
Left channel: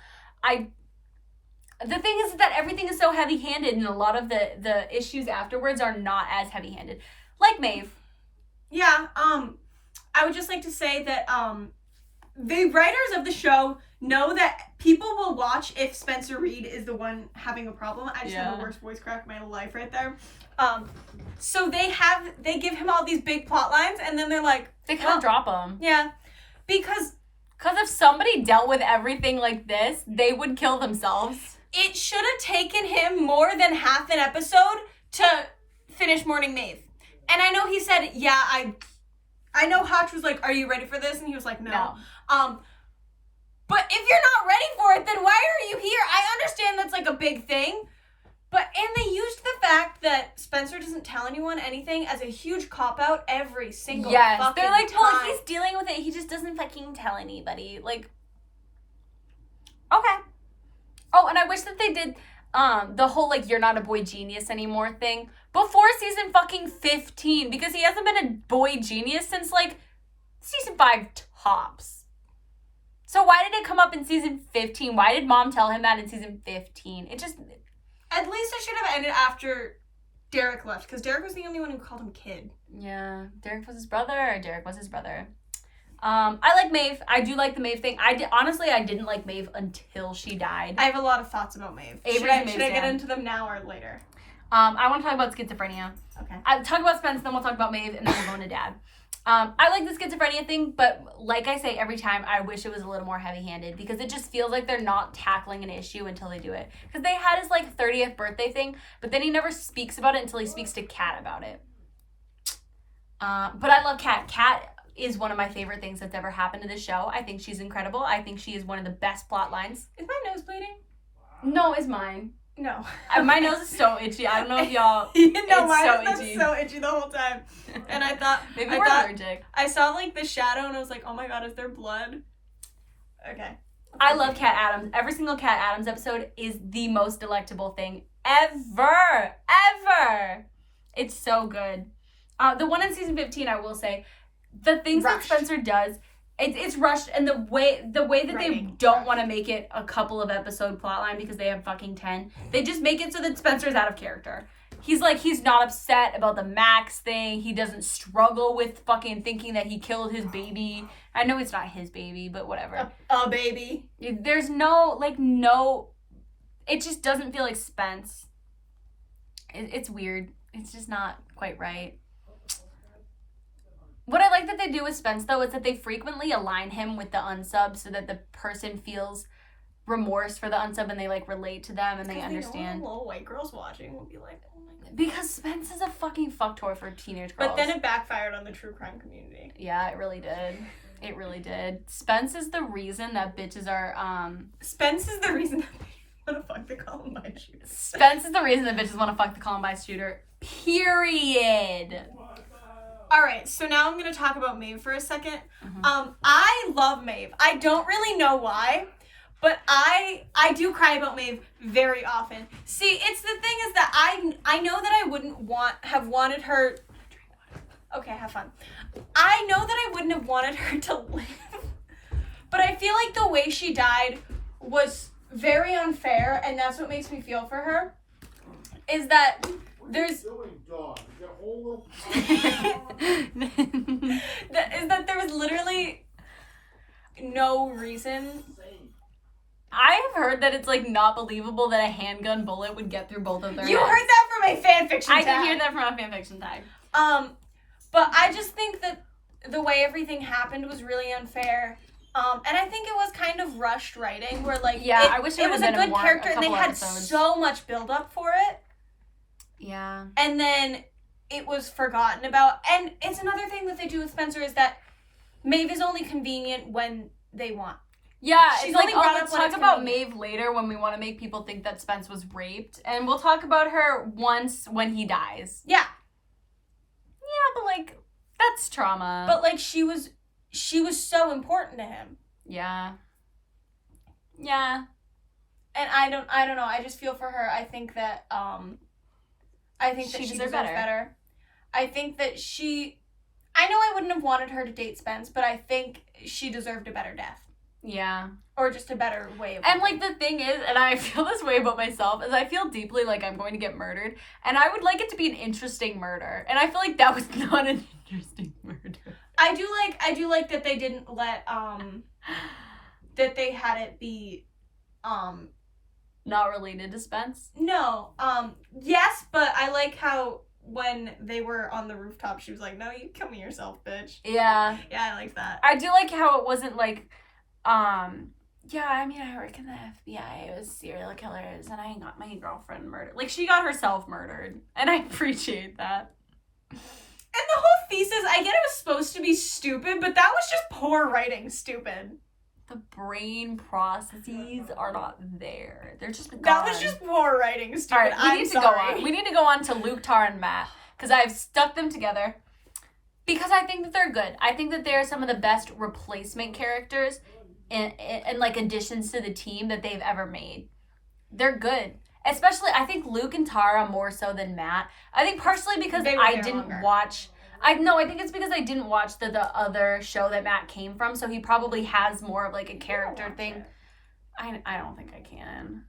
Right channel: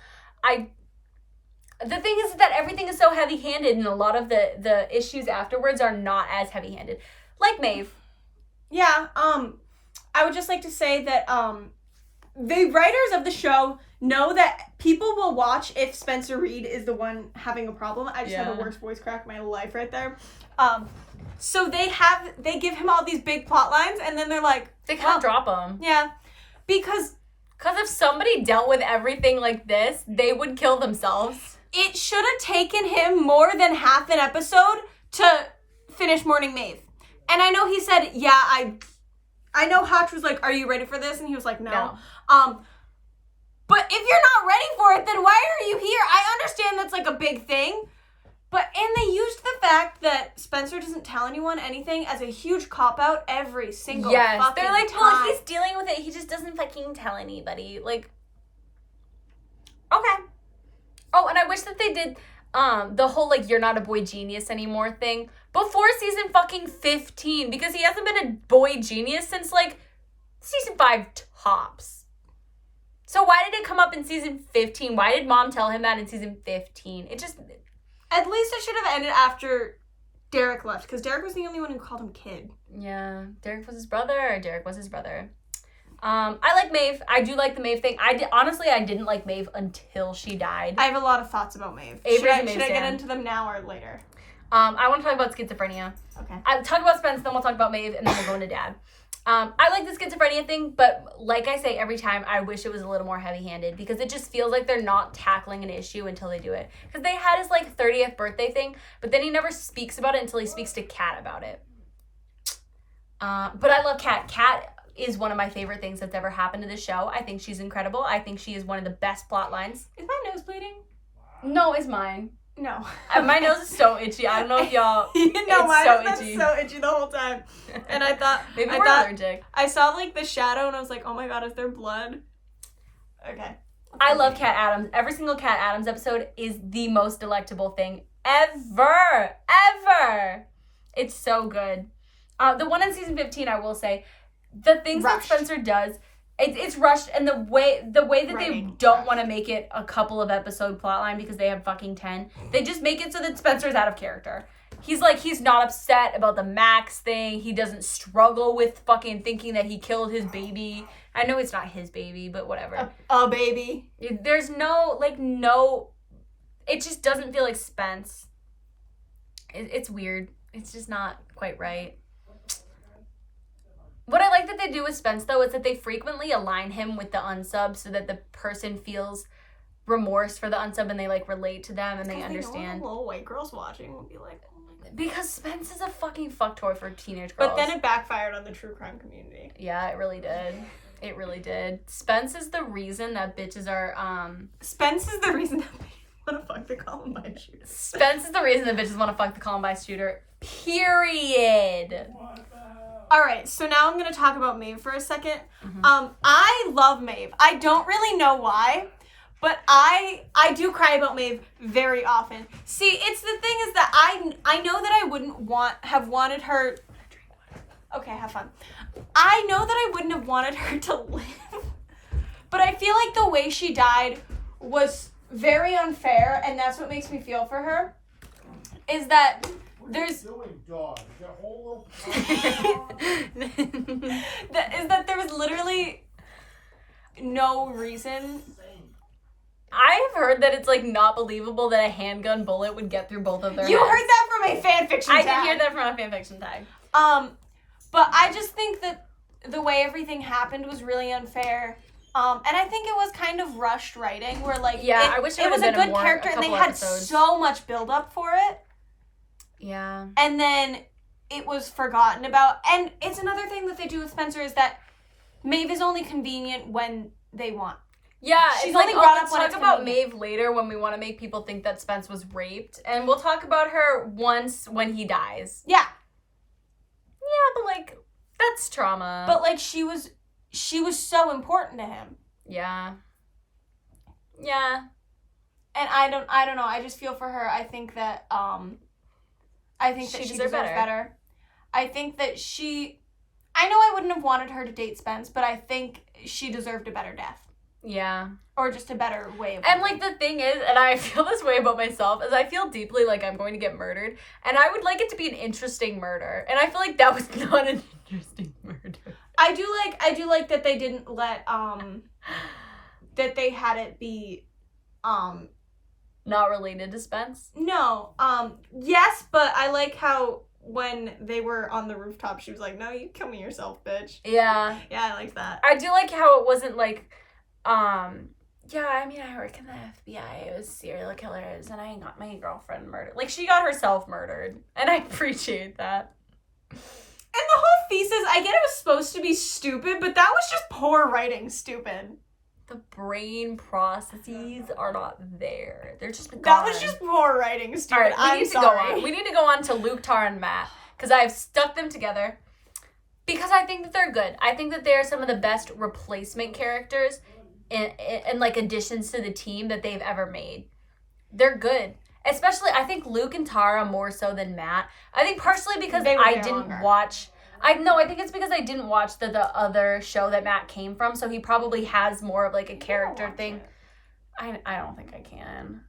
The thing is that everything is so heavy-handed and a lot of the issues afterwards are not as heavy-handed. Like Maeve. Yeah, I would just like to say that the writers of the show know that people will watch if Spencer Reid is the one having a problem. I just have the worst voice crack of my life right there. So they give him all these big plot lines, and then they're like... They kind of drop them. Yeah. Because if somebody dealt with everything like this, they would kill themselves. It should have taken him more than half an episode to finish Morning Maeve. And I know he said, yeah, I know Hotch was like, are you ready for this? And he was like, no. But if you're not ready for it, then why are you here? I understand that's like a big thing. And they used the fact that Spencer doesn't tell anyone anything as a huge cop-out every single fucking time. They're like, well, he's dealing with it. He just doesn't fucking tell anybody. Like, okay. Oh, and I wish that they did the whole, like, you're not a boy genius anymore thing before season fucking 15. Because he hasn't been a boy genius since, like, season 5 tops. So why did it come up in season 15? Why did mom tell him that in season 15? It just... At least it should have ended after Derek left, because Derek was the only one who called him kid. Yeah, Derek was his brother. I like Maeve. I do like the Maeve thing. Honestly, I didn't like Maeve until she died. I have a lot of thoughts about Maeve. Should I get into them now or later? I want to talk about schizophrenia. Okay. I'll talk about Spence, then we'll talk about Maeve, and then we'll go into Dad. I like the schizophrenia thing, but like I say every time, I wish it was a little more heavy-handed because it just feels like they're not tackling an issue until they do it. Because they had his, 30th birthday thing, but then he never speaks about it until he speaks to Kat about it. But I love Kat. Kat is one of my favorite things that's ever happened to this show. I think she's incredible. I think she is one of the best plot lines. Is my nose bleeding? No, it's mine. No. My nose is so itchy. I don't know if y'all... mine has been so itchy the whole time. And I thought... Maybe we're allergic. I saw, the shadow, and I was like, oh my god, is there blood? Okay. I love Cat Adams. Every single Cat Adams episode is the most delectable thing ever. Ever. It's so good. The one in season 15, I will say, the things that Spencer does... It's rushed, and the way that they don't want to make it a couple of episode plotline because they have fucking 10, they just make it so that Spencer's out of character. He's not upset about the Max thing. He doesn't struggle with fucking thinking that he killed his baby. I know it's not his baby, but whatever. A baby. There's no, it just doesn't feel like Spence. It's weird. It's just not quite right. What I like that they do with Spence, though, is that they frequently align him with the unsub so that the person feels remorse for the unsub and they, relate to them and they understand. Know little white girls watching will be like, oh my god. Because Spence is a fucking fuck toy for teenage girls. But then it backfired on the true crime community. Yeah, it really did. It really did. Spence is the reason that bitches are, Spence is the reason that bitches want to fuck the Columbine shooter. Spence is the reason that bitches want to fuck the Columbine shooter. Period. Alright, so now I'm going to talk about Maeve for a second. Mm-hmm. I love Maeve. I don't really know why, but I do cry about Maeve very often. See, it's the thing is that I know that I wouldn't have wanted her... Okay, have fun. I know that I wouldn't have wanted her to live, but I feel like the way she died was very unfair, and that's what makes me feel for her, is that... There's is that there was literally no reason. I have heard that it's not believable that a handgun bullet would get through both of their heads. You heard that from my fanfiction tag. I did hear that from a fanfiction tag. But I just think that the way everything happened was really unfair. And I think it was kind of rushed writing where I wish it was a good character and they had so much build up for it. Yeah. And then it was forgotten about. And it's another thing that they do with Spencer is that Maeve is only convenient when they want. Yeah, it's let's talk about Maeve later when we want to make people think that Spence was raped. And we'll talk about her once when he dies. Yeah. Yeah, but that's trauma. But she was so important to him. Yeah. Yeah. And I don't know. I just feel for her. I think that she deserves better. I think that I know I wouldn't have wanted her to date Spence, but I think she deserved a better death. Yeah. Or just a better way of living. And the thing is, and I feel this way about myself, is I feel deeply like I'm going to get murdered. And I would like it to be an interesting murder. And I feel like that was not an interesting murder. I do like that they didn't let that they had it be, not related to Spence? No. Yes, but I like how when they were on the rooftop, she was like, no, you kill me yourself, bitch. Yeah. Yeah, I like that. I do like how it wasn't like, yeah, I mean, I work in the FBI. It was serial killers, and I got my girlfriend murdered. Like, she got herself murdered, and I appreciate that. And the whole thesis, I get it was supposed to be stupid, but that was just poor writing stupid. The brain processes are not there. They're just gone. That was just poor writing stupid. All right, we need to go on. We need to go on to Luke, Tarr, and Matt, because I've stuck them together because I think that they're good. I think that they're some of the best replacement characters and like additions to the team that they've ever made. They're good. Especially, I think Luke and Tara more so than Matt. I think partially because I didn't watch... I think it's because I didn't watch the other show that Matt came from, so he probably has more of like a character thing. I don't think I can.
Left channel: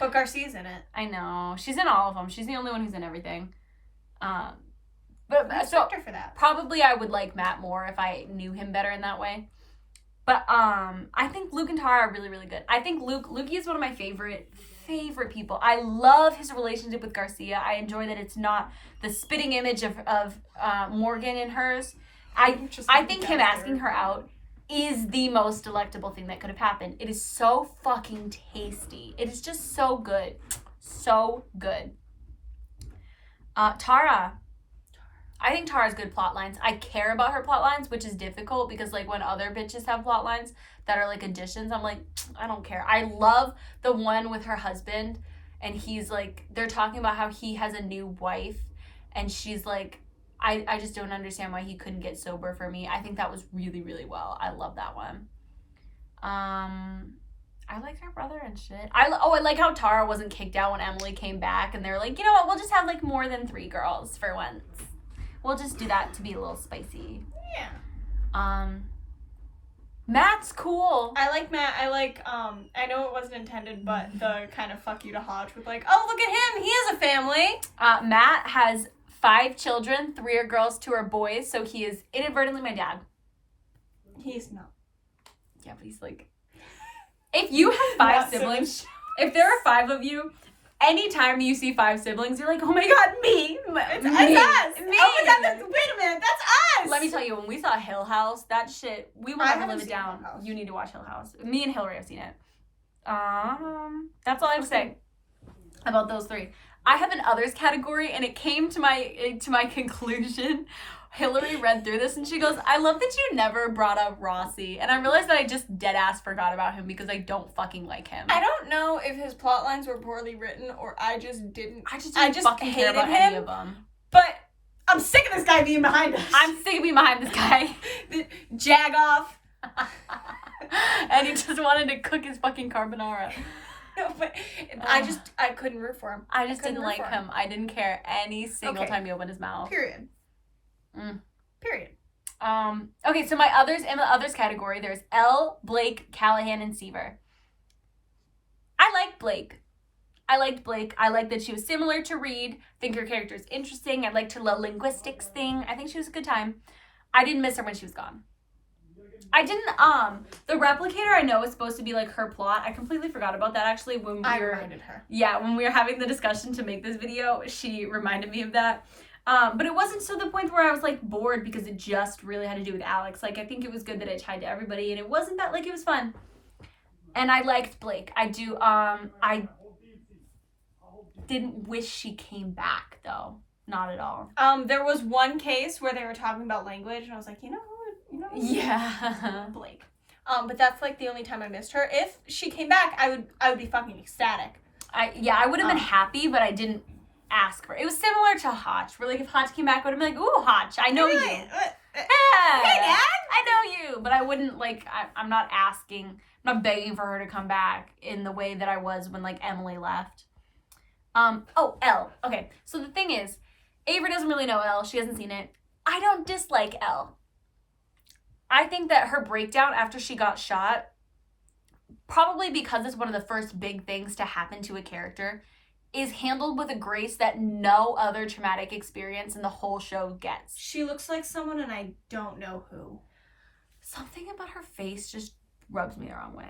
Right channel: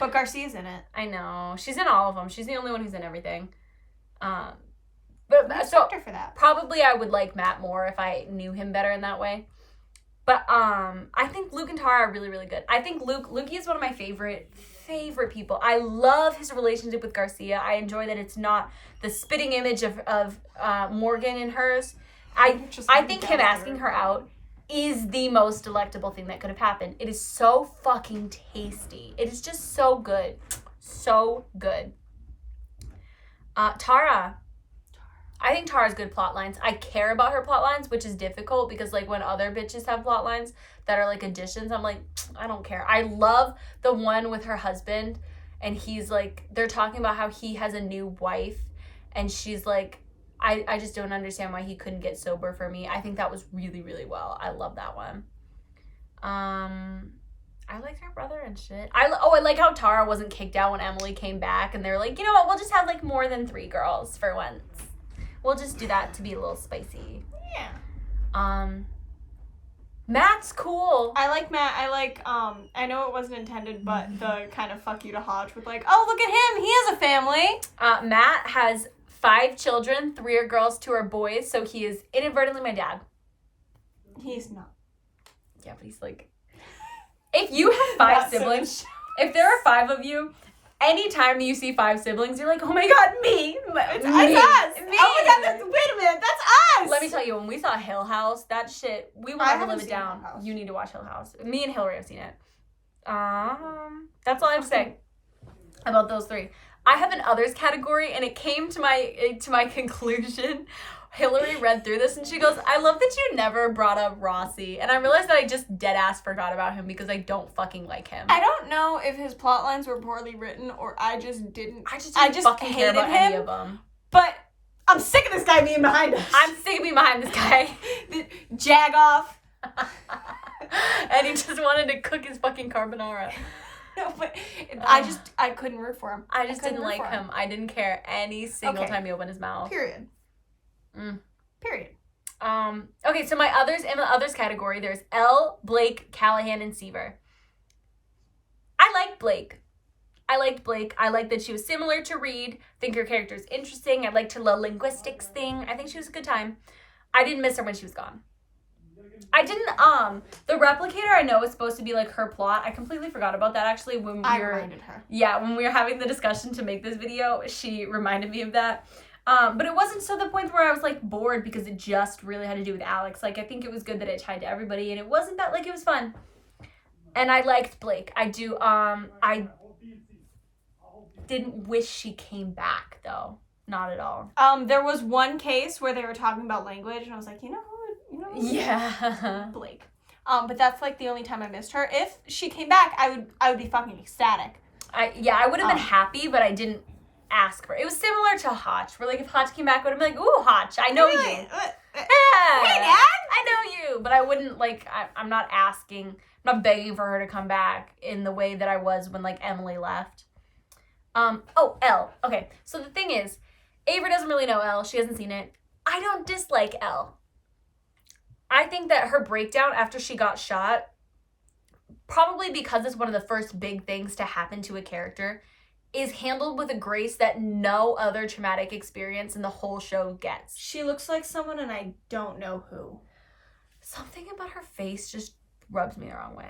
But Garcia's in it. I know. She's in all of them. She's the only one who's in everything. But so for that. Probably I would like Matt more if I knew him better in that way. But I think Luke and Tara are really, really good. I think Lukey is one of my favorite people. I love his relationship with Garcia. I enjoy that it's not the spitting image of Morgan and hers. I think him asking her out is the most delectable thing that could have happened. It is so fucking tasty. It is just so good. So good. Tara. I think Tara's good plot lines. I care about her plot lines, which is difficult because like when other bitches have plot lines that are like additions, I'm like, I don't care. I love the one with her husband and he's like, they're talking about how he has a new wife and she's like, I just don't understand why he couldn't get sober for me. I think that was really, really well. I love that one. I liked her brother and shit. I like how Tara wasn't kicked out when Emily came back and they're like, you know what, we'll just have like more than 3 girls for once. We'll just do that to be a little spicy. Yeah. Matt's cool. I like Matt. I know it wasn't intended, but the kind of fuck you to Hodge with like, oh, look at him. He has a family. Matt has 5 children. 3 are girls, 2 are boys. So he is inadvertently my dad. He's not. Yeah, but he's like, if you have 5 siblings, if there are 5 of you, anytime you see 5 siblings, you're like, oh my god, me. It's us. Me. Oh my god, wait a minute, that's us. Let me tell you, when we saw Hill House, that shit, we will never live it down. You need to watch Hill House. Me and Hillary have seen it. That's all I have to say about those 3. I have an others category, and it came to my conclusion. Hillary read through this and she goes, I love that you never brought up Rossi. And I realized that I just dead ass forgot about him because I don't fucking like him. I don't know if his plot lines were poorly written or I just didn't fucking care about any of them. But I'm sick of this guy being behind us. I'm sick of being behind this guy. Jag off. And he just wanted to cook his fucking carbonara. No, but I couldn't root for him. I just didn't like him. I didn't care any single time he opened his mouth. Period. Period. Okay, so my others in the others category, there's Elle, Blake, Callahan, and Seaver. I liked Blake. I like that she was similar to Reed. Think her character is interesting. I liked her little linguistics thing. I think she was a good time. I didn't miss her when she was gone. I didn't, the replicator I know is supposed to be like her plot. I completely forgot about that actually when we were... I reminded her. Yeah, when we were having the discussion to make this video, she reminded me of that. But it wasn't to the point where I was like bored because it just really had to do with Alex. Like I think it was good that it tied to everybody and it wasn't that like it was fun. And I liked Blake. I do I didn't wish she came back though. Not at all. There was one case where they were talking about language and I was like, you know who? Yeah. Blake. But that's like the only time I missed her. If she came back, I would be fucking ecstatic. I would have been happy, but I didn't ask for it. It was similar to Hotch, where like if Hotch came back, I would have been like, ooh, Hotch, I know you. Hey, Dad! I know you. But I wouldn't like, I'm not asking, I'm not begging for her to come back in the way that I was when like Emily left. Elle. Okay, so the thing is, Avery doesn't really know Elle. She hasn't seen it. I don't dislike Elle. I think that her breakdown after she got shot, probably because it's one of the first big things to happen to a character, is handled with a grace that no other traumatic experience in the whole show gets. She looks like someone and I don't know who. Something about her face just rubs me the wrong way.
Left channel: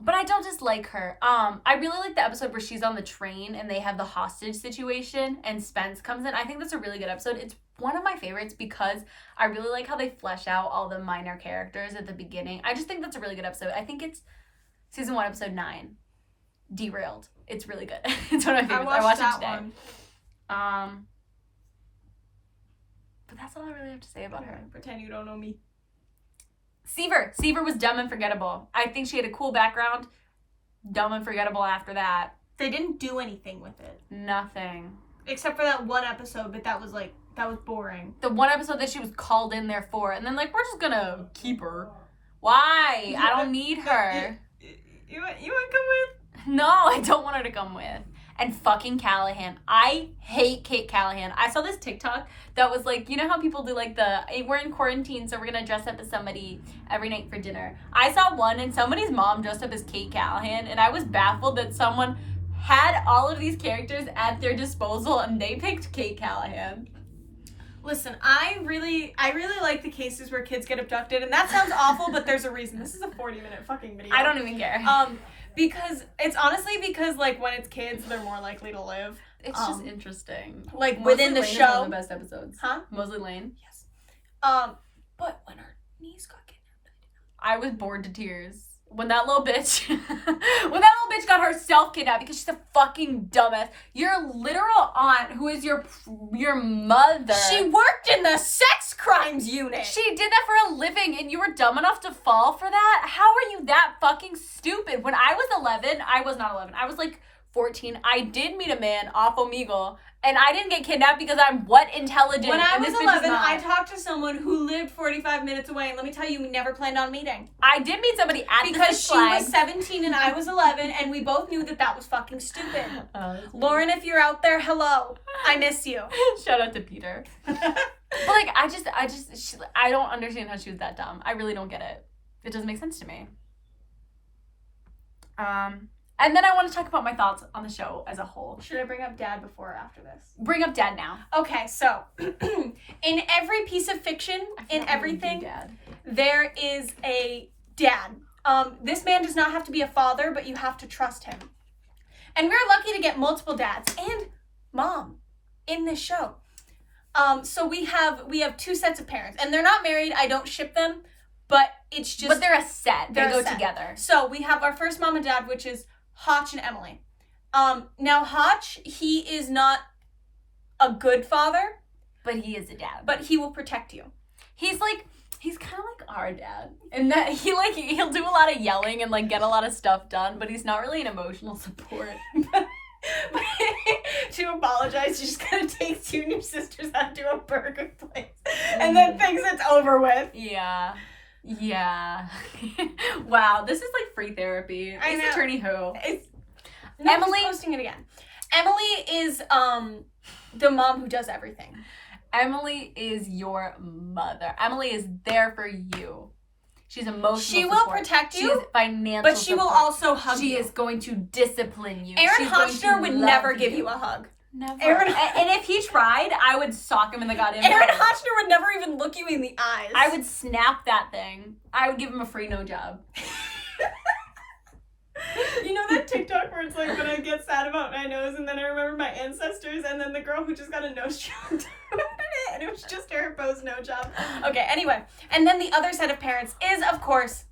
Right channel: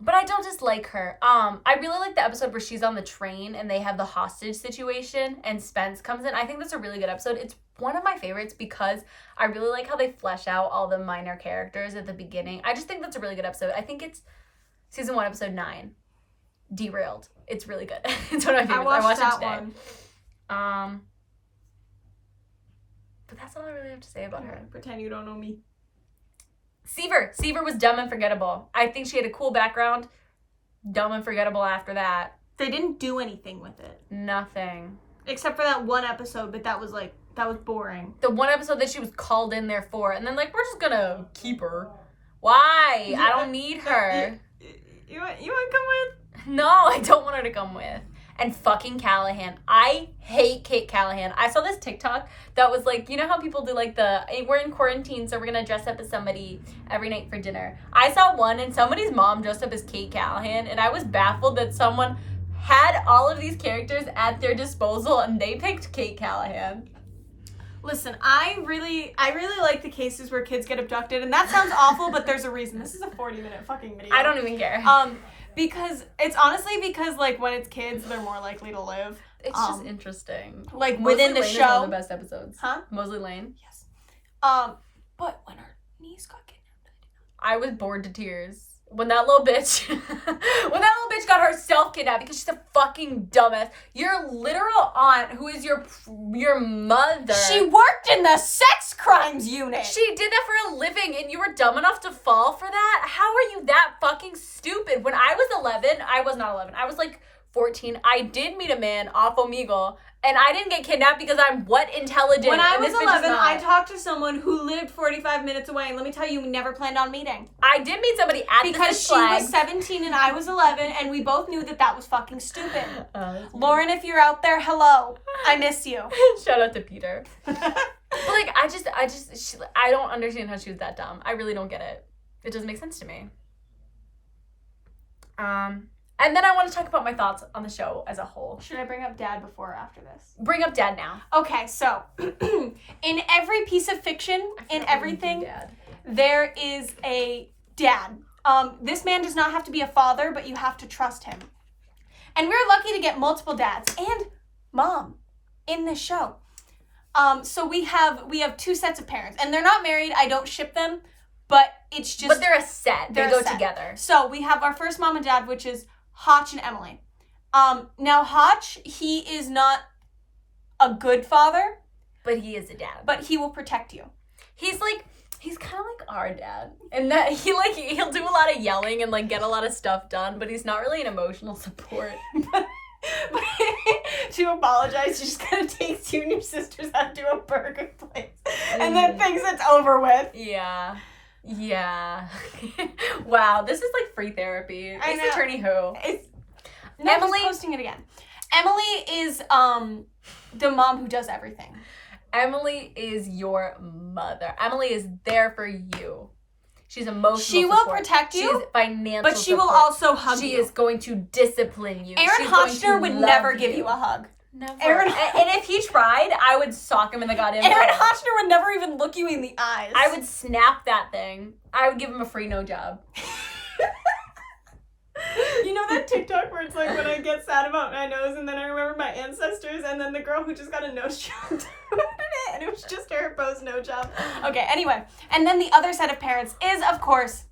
But I don't dislike her. I really like the episode where she's on the train and they have the hostage situation and Spence comes in. I think that's a really good episode. It's one of my favorites because I really like how they flesh out all the minor characters at the beginning. I just think that's a really good episode. I think it's season 1, episode 9. Derailed. It's really good. It's one of my favorites. I watched it today. But that's all I really have to say about her. Pretend you don't know me. Seaver was dumb and forgettable. I think she had a cool background. Dumb and forgettable after that. They didn't do anything with it. Nothing. Except for that one episode, but that was boring. The one episode that she was called in there for, and then we're just gonna keep her. Why? I don't need her. You want to come with? No, I don't want her to come with. And fucking Callahan. I hate Kate Callahan. I saw this TikTok that was like, you know how people do we're in quarantine, so we're going to dress up as somebody every night for dinner. I saw one and somebody's mom dressed up as Kate Callahan, and I was baffled that someone had all of these characters at their disposal and they picked Kate Callahan. Listen, I really like the cases where kids get abducted, and that sounds awful, but there's a reason. This is a 40-minute fucking video. I don't even care. Because it's honestly when it's kids, they're more likely to live. It's just interesting. Like Mosley within the Lane show. Is one of the best episodes. Huh? Mosley Lane. Yes. But when our niece got kidnapped, I was bored to tears. When that little bitch got herself kidnapped because she's a fucking dumbass. Your literal aunt, who is your mother. She worked in the sex crimes unit. She did that for a living, and you were dumb enough to fall for that? How are you that fucking stupid? When I was 11, I was not 11. I was 14. I did meet a man off Omegle, and I didn't get kidnapped because I'm intelligent. When I and was this 11, bitch is not. I talked to someone who lived 45 minutes away, and let me tell you, we never planned on meeting. I did meet somebody at the Six Because Flags. she was 17 and I was 11, and we both knew that was fucking stupid. Lauren, if you're out there, hello. I miss you. Shout out to Peter. But I don't understand how she was that dumb. I really don't get it. It doesn't make sense to me. And then I want to talk about my thoughts on the show as a whole. Should I bring up Dad before or after this? Bring up Dad now. Okay, so in every piece of fiction, in everything, there is a dad. This man does not have to be a father, but you have to trust him. And we're lucky to get multiple dads and mom in this show. So we have 2 sets of parents, and they're not married. I don't ship them, but it's just. But they're a set. They go together. So we have our first mom and dad, which is Hotch and Emily. Now Hotch, he is not a good father, but he is a dad. But he will protect you. He's kind of like our dad, and that he'll do a lot of yelling and get a lot of stuff done, but he's not really an emotional support. But to apologize, you just gotta take 2 new sisters out to a burger place, and then thinks it's over with. Yeah. Wow, this is free therapy. It's Attorney Who. Emily posting it again. Emily is the mom who does everything. Emily is your mother. Emily is there for you. She's emotional Support. She will protect you. She's financial But she will also hug you. She is going to discipline you. Aaron Hotchner would never give you a hug. Never. And if he tried, I would sock him in the goddamn Aaron Hotchner would never even look you in the eyes. I would snap that thing. I would give him a free no job. You know that TikTok where it's when I get sad about my nose and then I remember my ancestors and then the girl who just got a nose job and it was just her post no job. Okay, anyway. And then the other set of parents is, of course,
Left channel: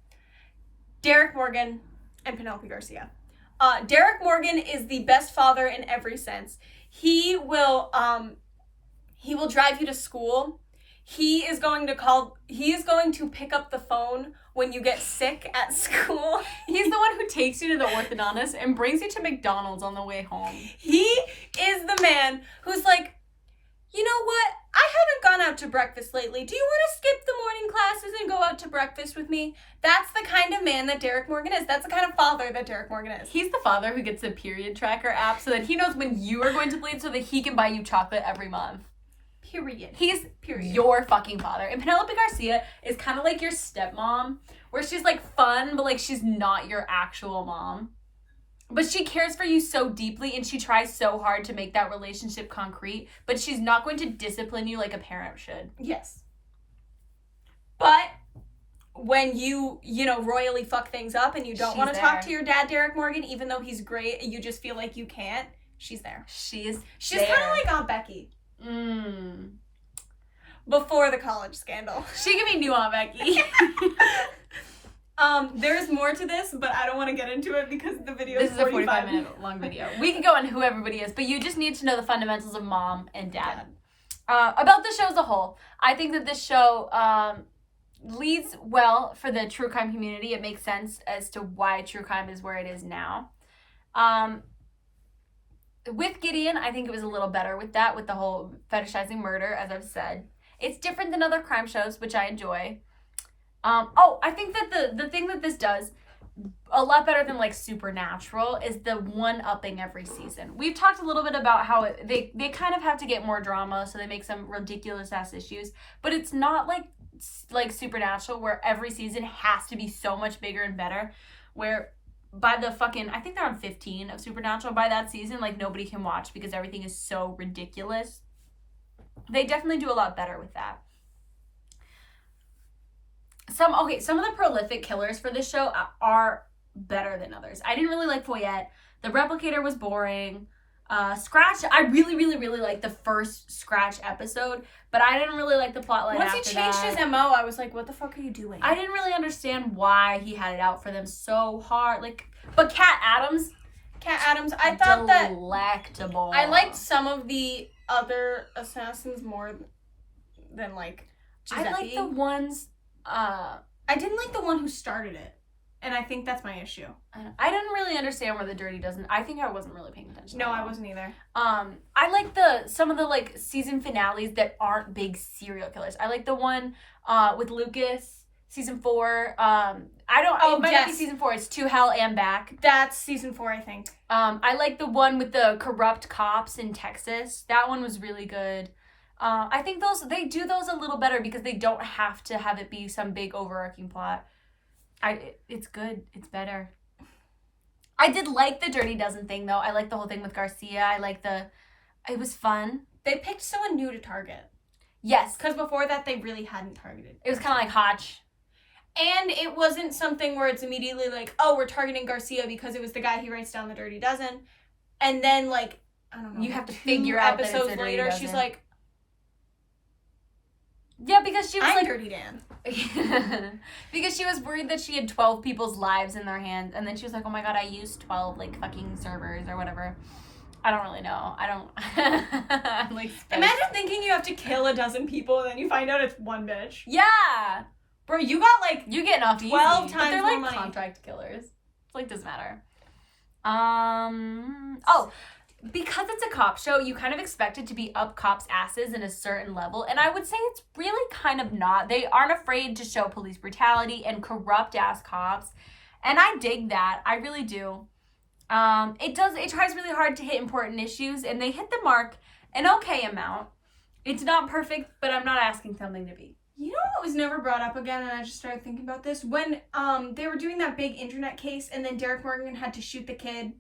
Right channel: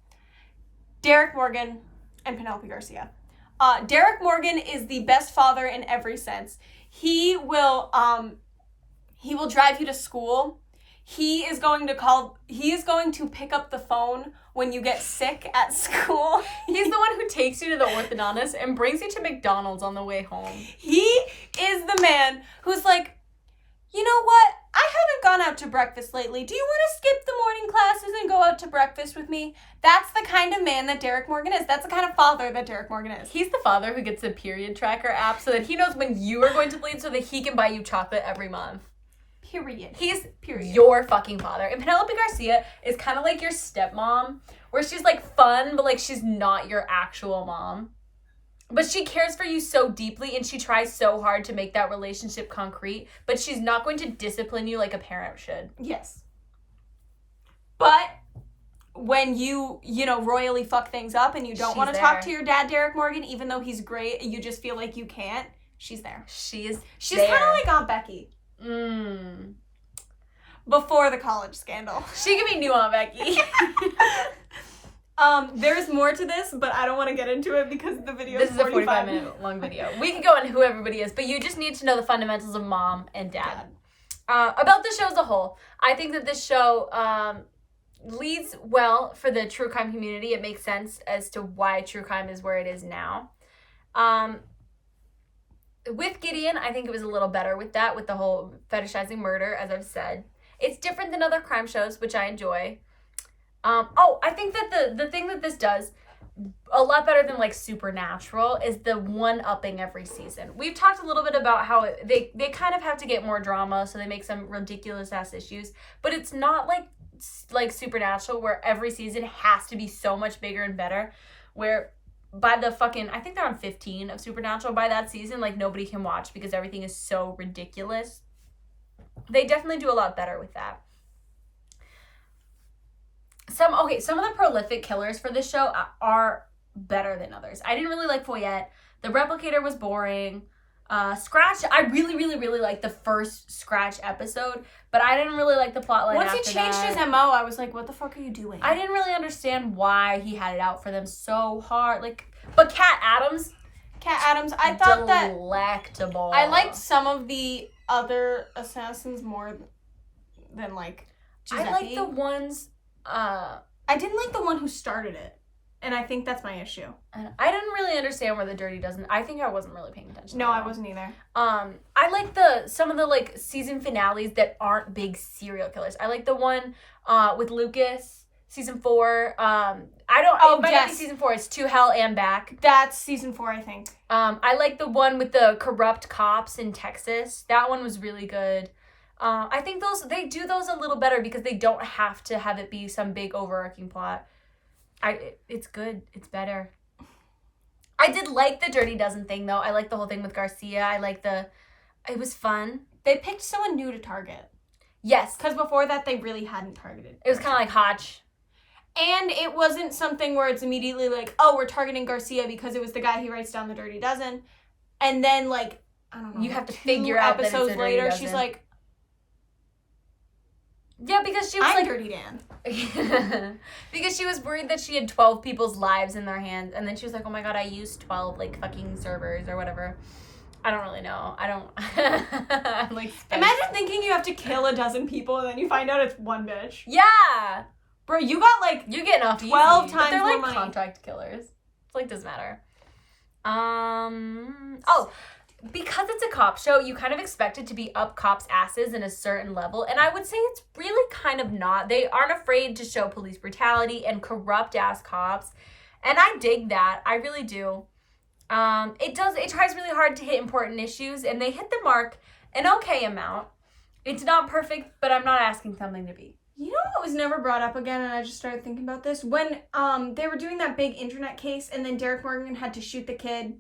Derek Morgan and Penelope Garcia. Derek Morgan is the best father in every sense. He will drive you to school. He is going to pick up the phone when you get sick at school. He's the one who takes you to the orthodontist and brings you to McDonald's on the way home. He is the man who's like, you know what? I haven't gone out to breakfast lately. Do you want to skip the morning classes and go out to breakfast with me? That's the kind of man that Derek Morgan is. That's the kind of father that Derek Morgan is. He's the father who gets a period tracker app so that he knows when you are going to bleed so that he can buy you chocolate every month. Period. He's your fucking father. And Penelope Garcia is kind of like your stepmom, where she's fun, but she's not your actual mom. But she cares for you so deeply and she tries so hard to make that relationship concrete, but she's not going to discipline you like a parent should. Yes. But when you royally fuck things up and you don't want to talk to your dad, Derek Morgan, even though he's great, you just feel like you can't. She's there. She's kind of like Aunt Becky. Before the college scandal. She could be new Aunt Becky. There's more to this, but I don't want to get into it because the video is 45. This is a 45-minute long video. We can go into who everybody is, but you just need to know the fundamentals of mom and dad. About the show as a whole, I think that this show leads well for the true crime community. It makes sense as to why true crime is where it is now. With Gideon, I think it was a little better with that, with the whole fetishizing murder, as I've said. It's different than other crime shows, which I enjoy. I think that the thing that this does a lot better than like Supernatural is the one-upping every season. We've talked a little bit about how they kind of have to get more drama, so they make some ridiculous-ass issues, but it's not like Supernatural where every season has to be so much bigger and better, where by the I think they're on 15 of Supernatural by that season, like nobody can watch because everything is so ridiculous. They definitely do a lot better with that. Some of the prolific killers for this show are better than others. I didn't really like Foyette. The Replicator was boring. Scratch, I really, really, really liked the first Scratch episode, but I didn't really like the plotline after that. Once he changed his MO, I was like, what the fuck are you doing? I didn't really understand why he had it out for them so hard. But Cat Adams, I thought that delectable. I liked some of the other assassins more than Giuseppe. I liked the ones. I didn't like the one who started it, and I think that's my issue. I didn't really understand where the Dirty Dozen. I think I wasn't really paying attention. No, I wasn't either. I like some of the season finales that aren't big serial killers. I like the one with Lucas, season 4. It might not be season 4. It's To Hell and Back. That's season 4, I think. I like the one with the corrupt cops in Texas. That one was really good. I think they do those a little better because they don't have to have it be some big overarching plot. It's good. It's better. I did like the Dirty Dozen thing, though. I like the whole thing with Garcia. It was fun. They picked someone new to target. Yes. Because before that, they really hadn't targeted. It was kind of like Hotch. And it wasn't something where it's immediately like, oh, we're targeting Garcia because it was the guy who writes down the Dirty Dozen. And then, I don't know. You have to figure out that it's a Dirty Dozen. She's like, yeah, because she was I'm Dirty Dan. Because she was worried that she had 12 people's lives in their hands, and then she was like, oh my god, I used 12 fucking servers or whatever. I don't really know. I don't I'm imagine thinking you have to kill a dozen people and then you find out it's one bitch. Yeah. Bro, you got you getting off 12 easy, times but they're more money. Contract killers. It's doesn't matter. Because it's a cop show, you kind of expect it to be up cops' asses in a certain level, and I would say it's really kind of not. They aren't afraid to show police brutality and corrupt-ass cops, and I dig that. I really do. It tries really hard to hit important issues, and they hit the mark an okay amount. It's not perfect, but I'm not asking something to be. You know what was never brought up again, and I just started thinking about this? When they were doing that big internet case, and then Derek Morgan had to shoot the kid,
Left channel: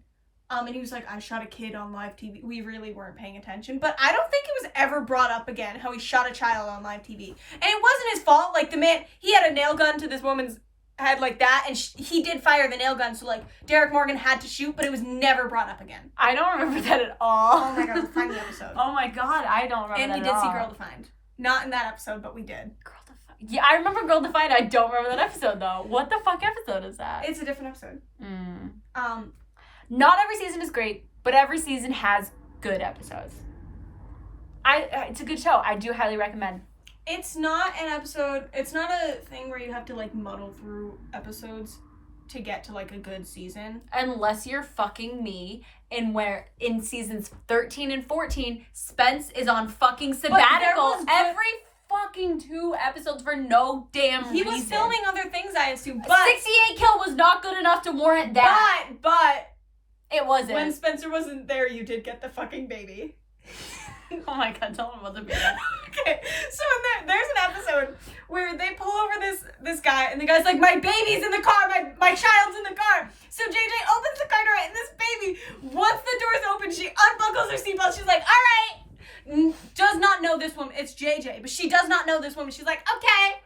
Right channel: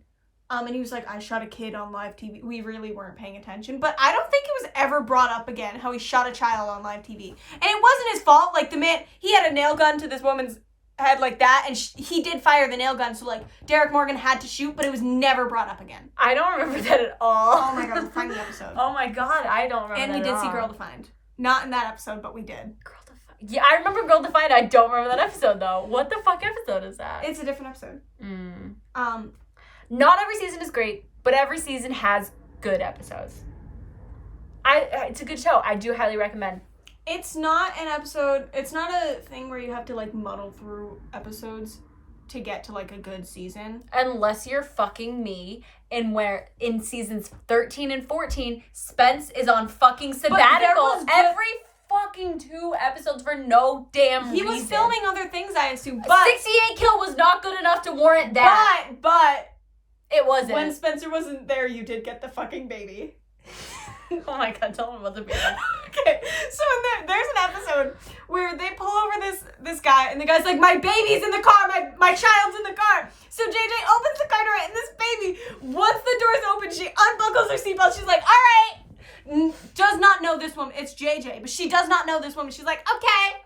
and he was like, I shot a kid on live TV. We really weren't paying attention. But I don't think it was ever brought up again, how he shot a child on live TV. And it wasn't his fault. The man, he had a nail gun to this woman's head like that, and he did fire the nail gun, so, Derek Morgan had to shoot, but it was never brought up again. I don't remember that at all. Oh my god, we'll find the episode. Oh my god, I don't remember that at all. And we did see Girl Defined. Not in that episode, but we did. Girl Defined. Yeah, I remember Girl Defined. I don't remember that episode, though. What the fuck episode is that? It's a different episode. Not every season is great, but every season has good episodes. It's a good show. I do highly recommend. It's not an episode. It's not a thing where you have to muddle through episodes to get to a good season. Unless you're fucking me, and where in seasons 13 and 14, Spence is on fucking sabbatical every fucking 2 episodes for no damn reason. He was filming other things, I assume. But 68 kill was not good enough to warrant that. But it wasn't. When Spencer wasn't there, you did get the fucking baby. Oh my god, tell him about the baby. Okay, so there's an episode where they pull over this guy, and the guy's like, my baby's in the car, my child's in the car. So JJ opens the car door, and this baby, once the door's open, she unbuckles her seatbelt. She's like, all right. Does not know this woman. It's JJ, but she does not know this woman. She's like, okay,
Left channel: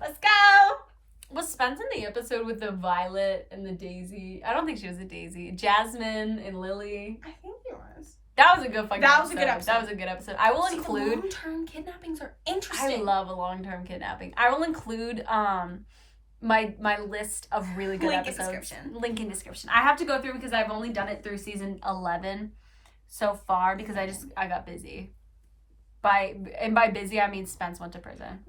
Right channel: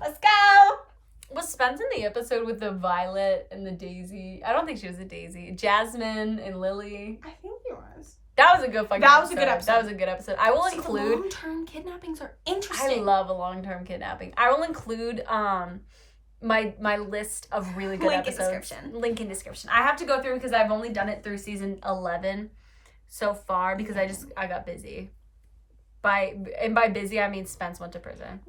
let's go. Was Spence in the episode with the Violet and the Daisy? I don't think she was a Daisy. Jasmine and Lily. I think he was. That was a good fucking episode. That was a good episode. I will include... long-term kidnappings are interesting. I love a long-term kidnapping. I will include my list of really good episodes. Link in description. I have to go through because I've only done it through season 11 so far because I got busy. By busy I mean Spence went to prison.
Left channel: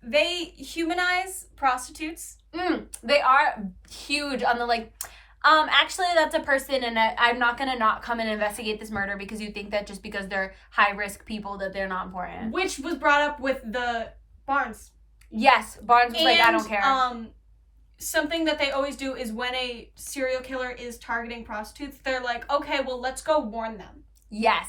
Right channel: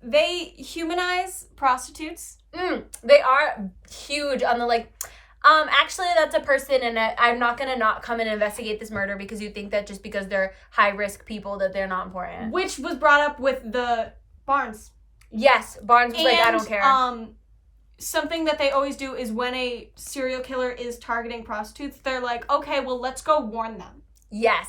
They humanize prostitutes. They are huge on the like, actually that's a person and I'm not gonna not come and investigate this murder because you think that just because they're high risk people that they're not important. Which was brought up with the Barnes. Yes, Barnes was like, I don't care. Something that they always do is when a serial killer is targeting prostitutes, they're like, okay, well, let's go warn them. Yes.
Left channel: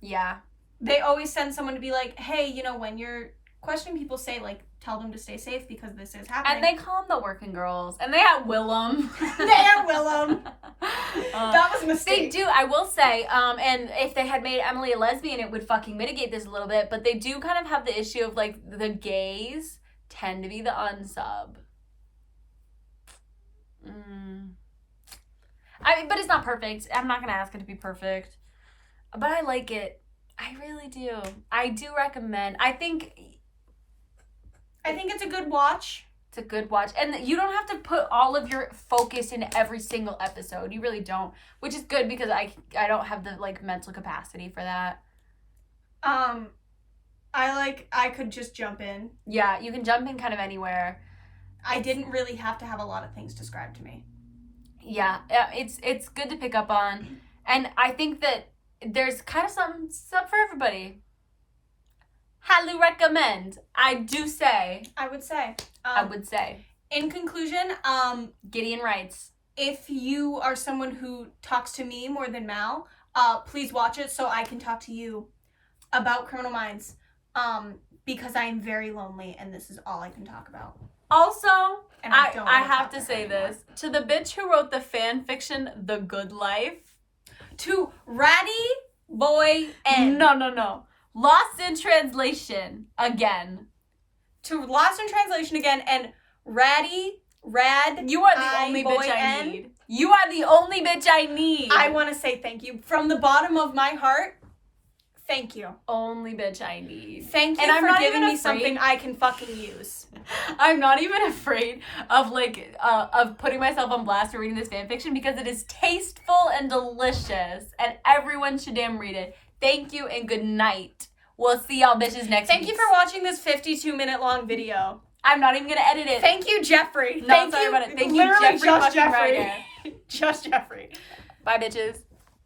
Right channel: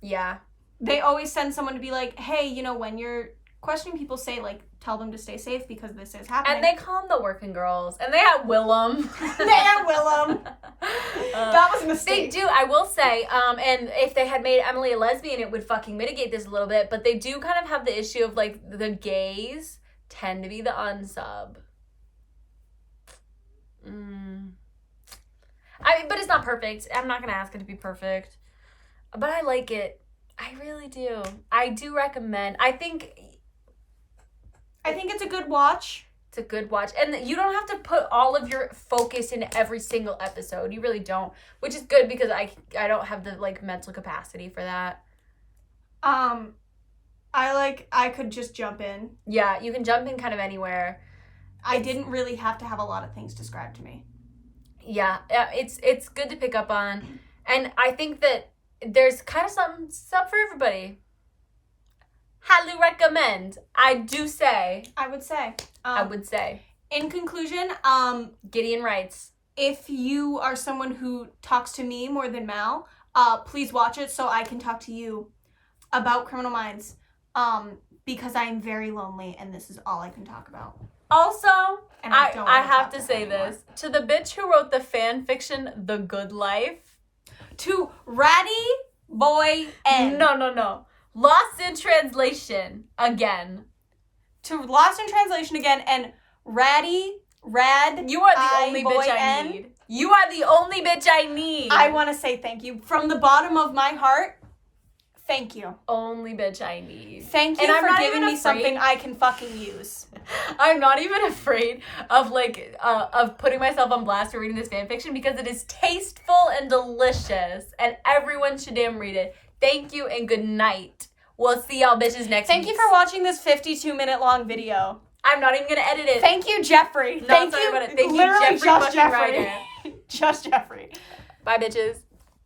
Yeah. They always send someone to be like, hey, when you're questioning people, say, like, tell them to stay safe because this is happening. And they call them the working girls. And they had Willem. That was a mistake. They do, I will say, and if they had made Emily a lesbian, it would fucking mitigate this a little bit. But they do kind of have the issue of, like, the gays tend to be the unsub. But it's not perfect. I'm not going to ask it to be perfect. But I like it. I really do. I do recommend. I think it's a good watch. It's a good watch. And you don't have to put all of your focus in every single episode. You really don't. Which is good because I don't have the, like, mental capacity for that. I could just jump in. Yeah, you can jump in kind of anywhere. I didn't really have to have a lot of things described to me. Yeah, it's good to pick up on. And I think that there's kind of something for everybody. Highly recommend. I would say. I would say. In conclusion, Gideon writes, if you are someone who talks to me more than Mal, please watch it so I can talk to you about Criminal Minds. Because I am very lonely and this is all I can talk about. Also, I have to say this. To the bitch who wrote the fan fiction, The Good Life. To Ratty Boy N. No. Lost in Translation again. To Lost in Translation again and Rad. You are the only bitch I need. You are the only bitch I need. I want to say thank you. From the bottom of my heart, thank you. Only bitch I need. Thank you for giving me something I can fucking use. I'm not even afraid of of putting myself on blast for reading this fanfiction because it is tasteful and delicious and everyone should damn read it. Thank you and good night. We'll see y'all bitches next week. Thank you for watching this 52-minute long video. I'm not even going to edit it. Thank you, Jeffrey. Sorry about it. Thank you, Jeffrey fucking Ryder. Just Jeffrey. Bye, bitches.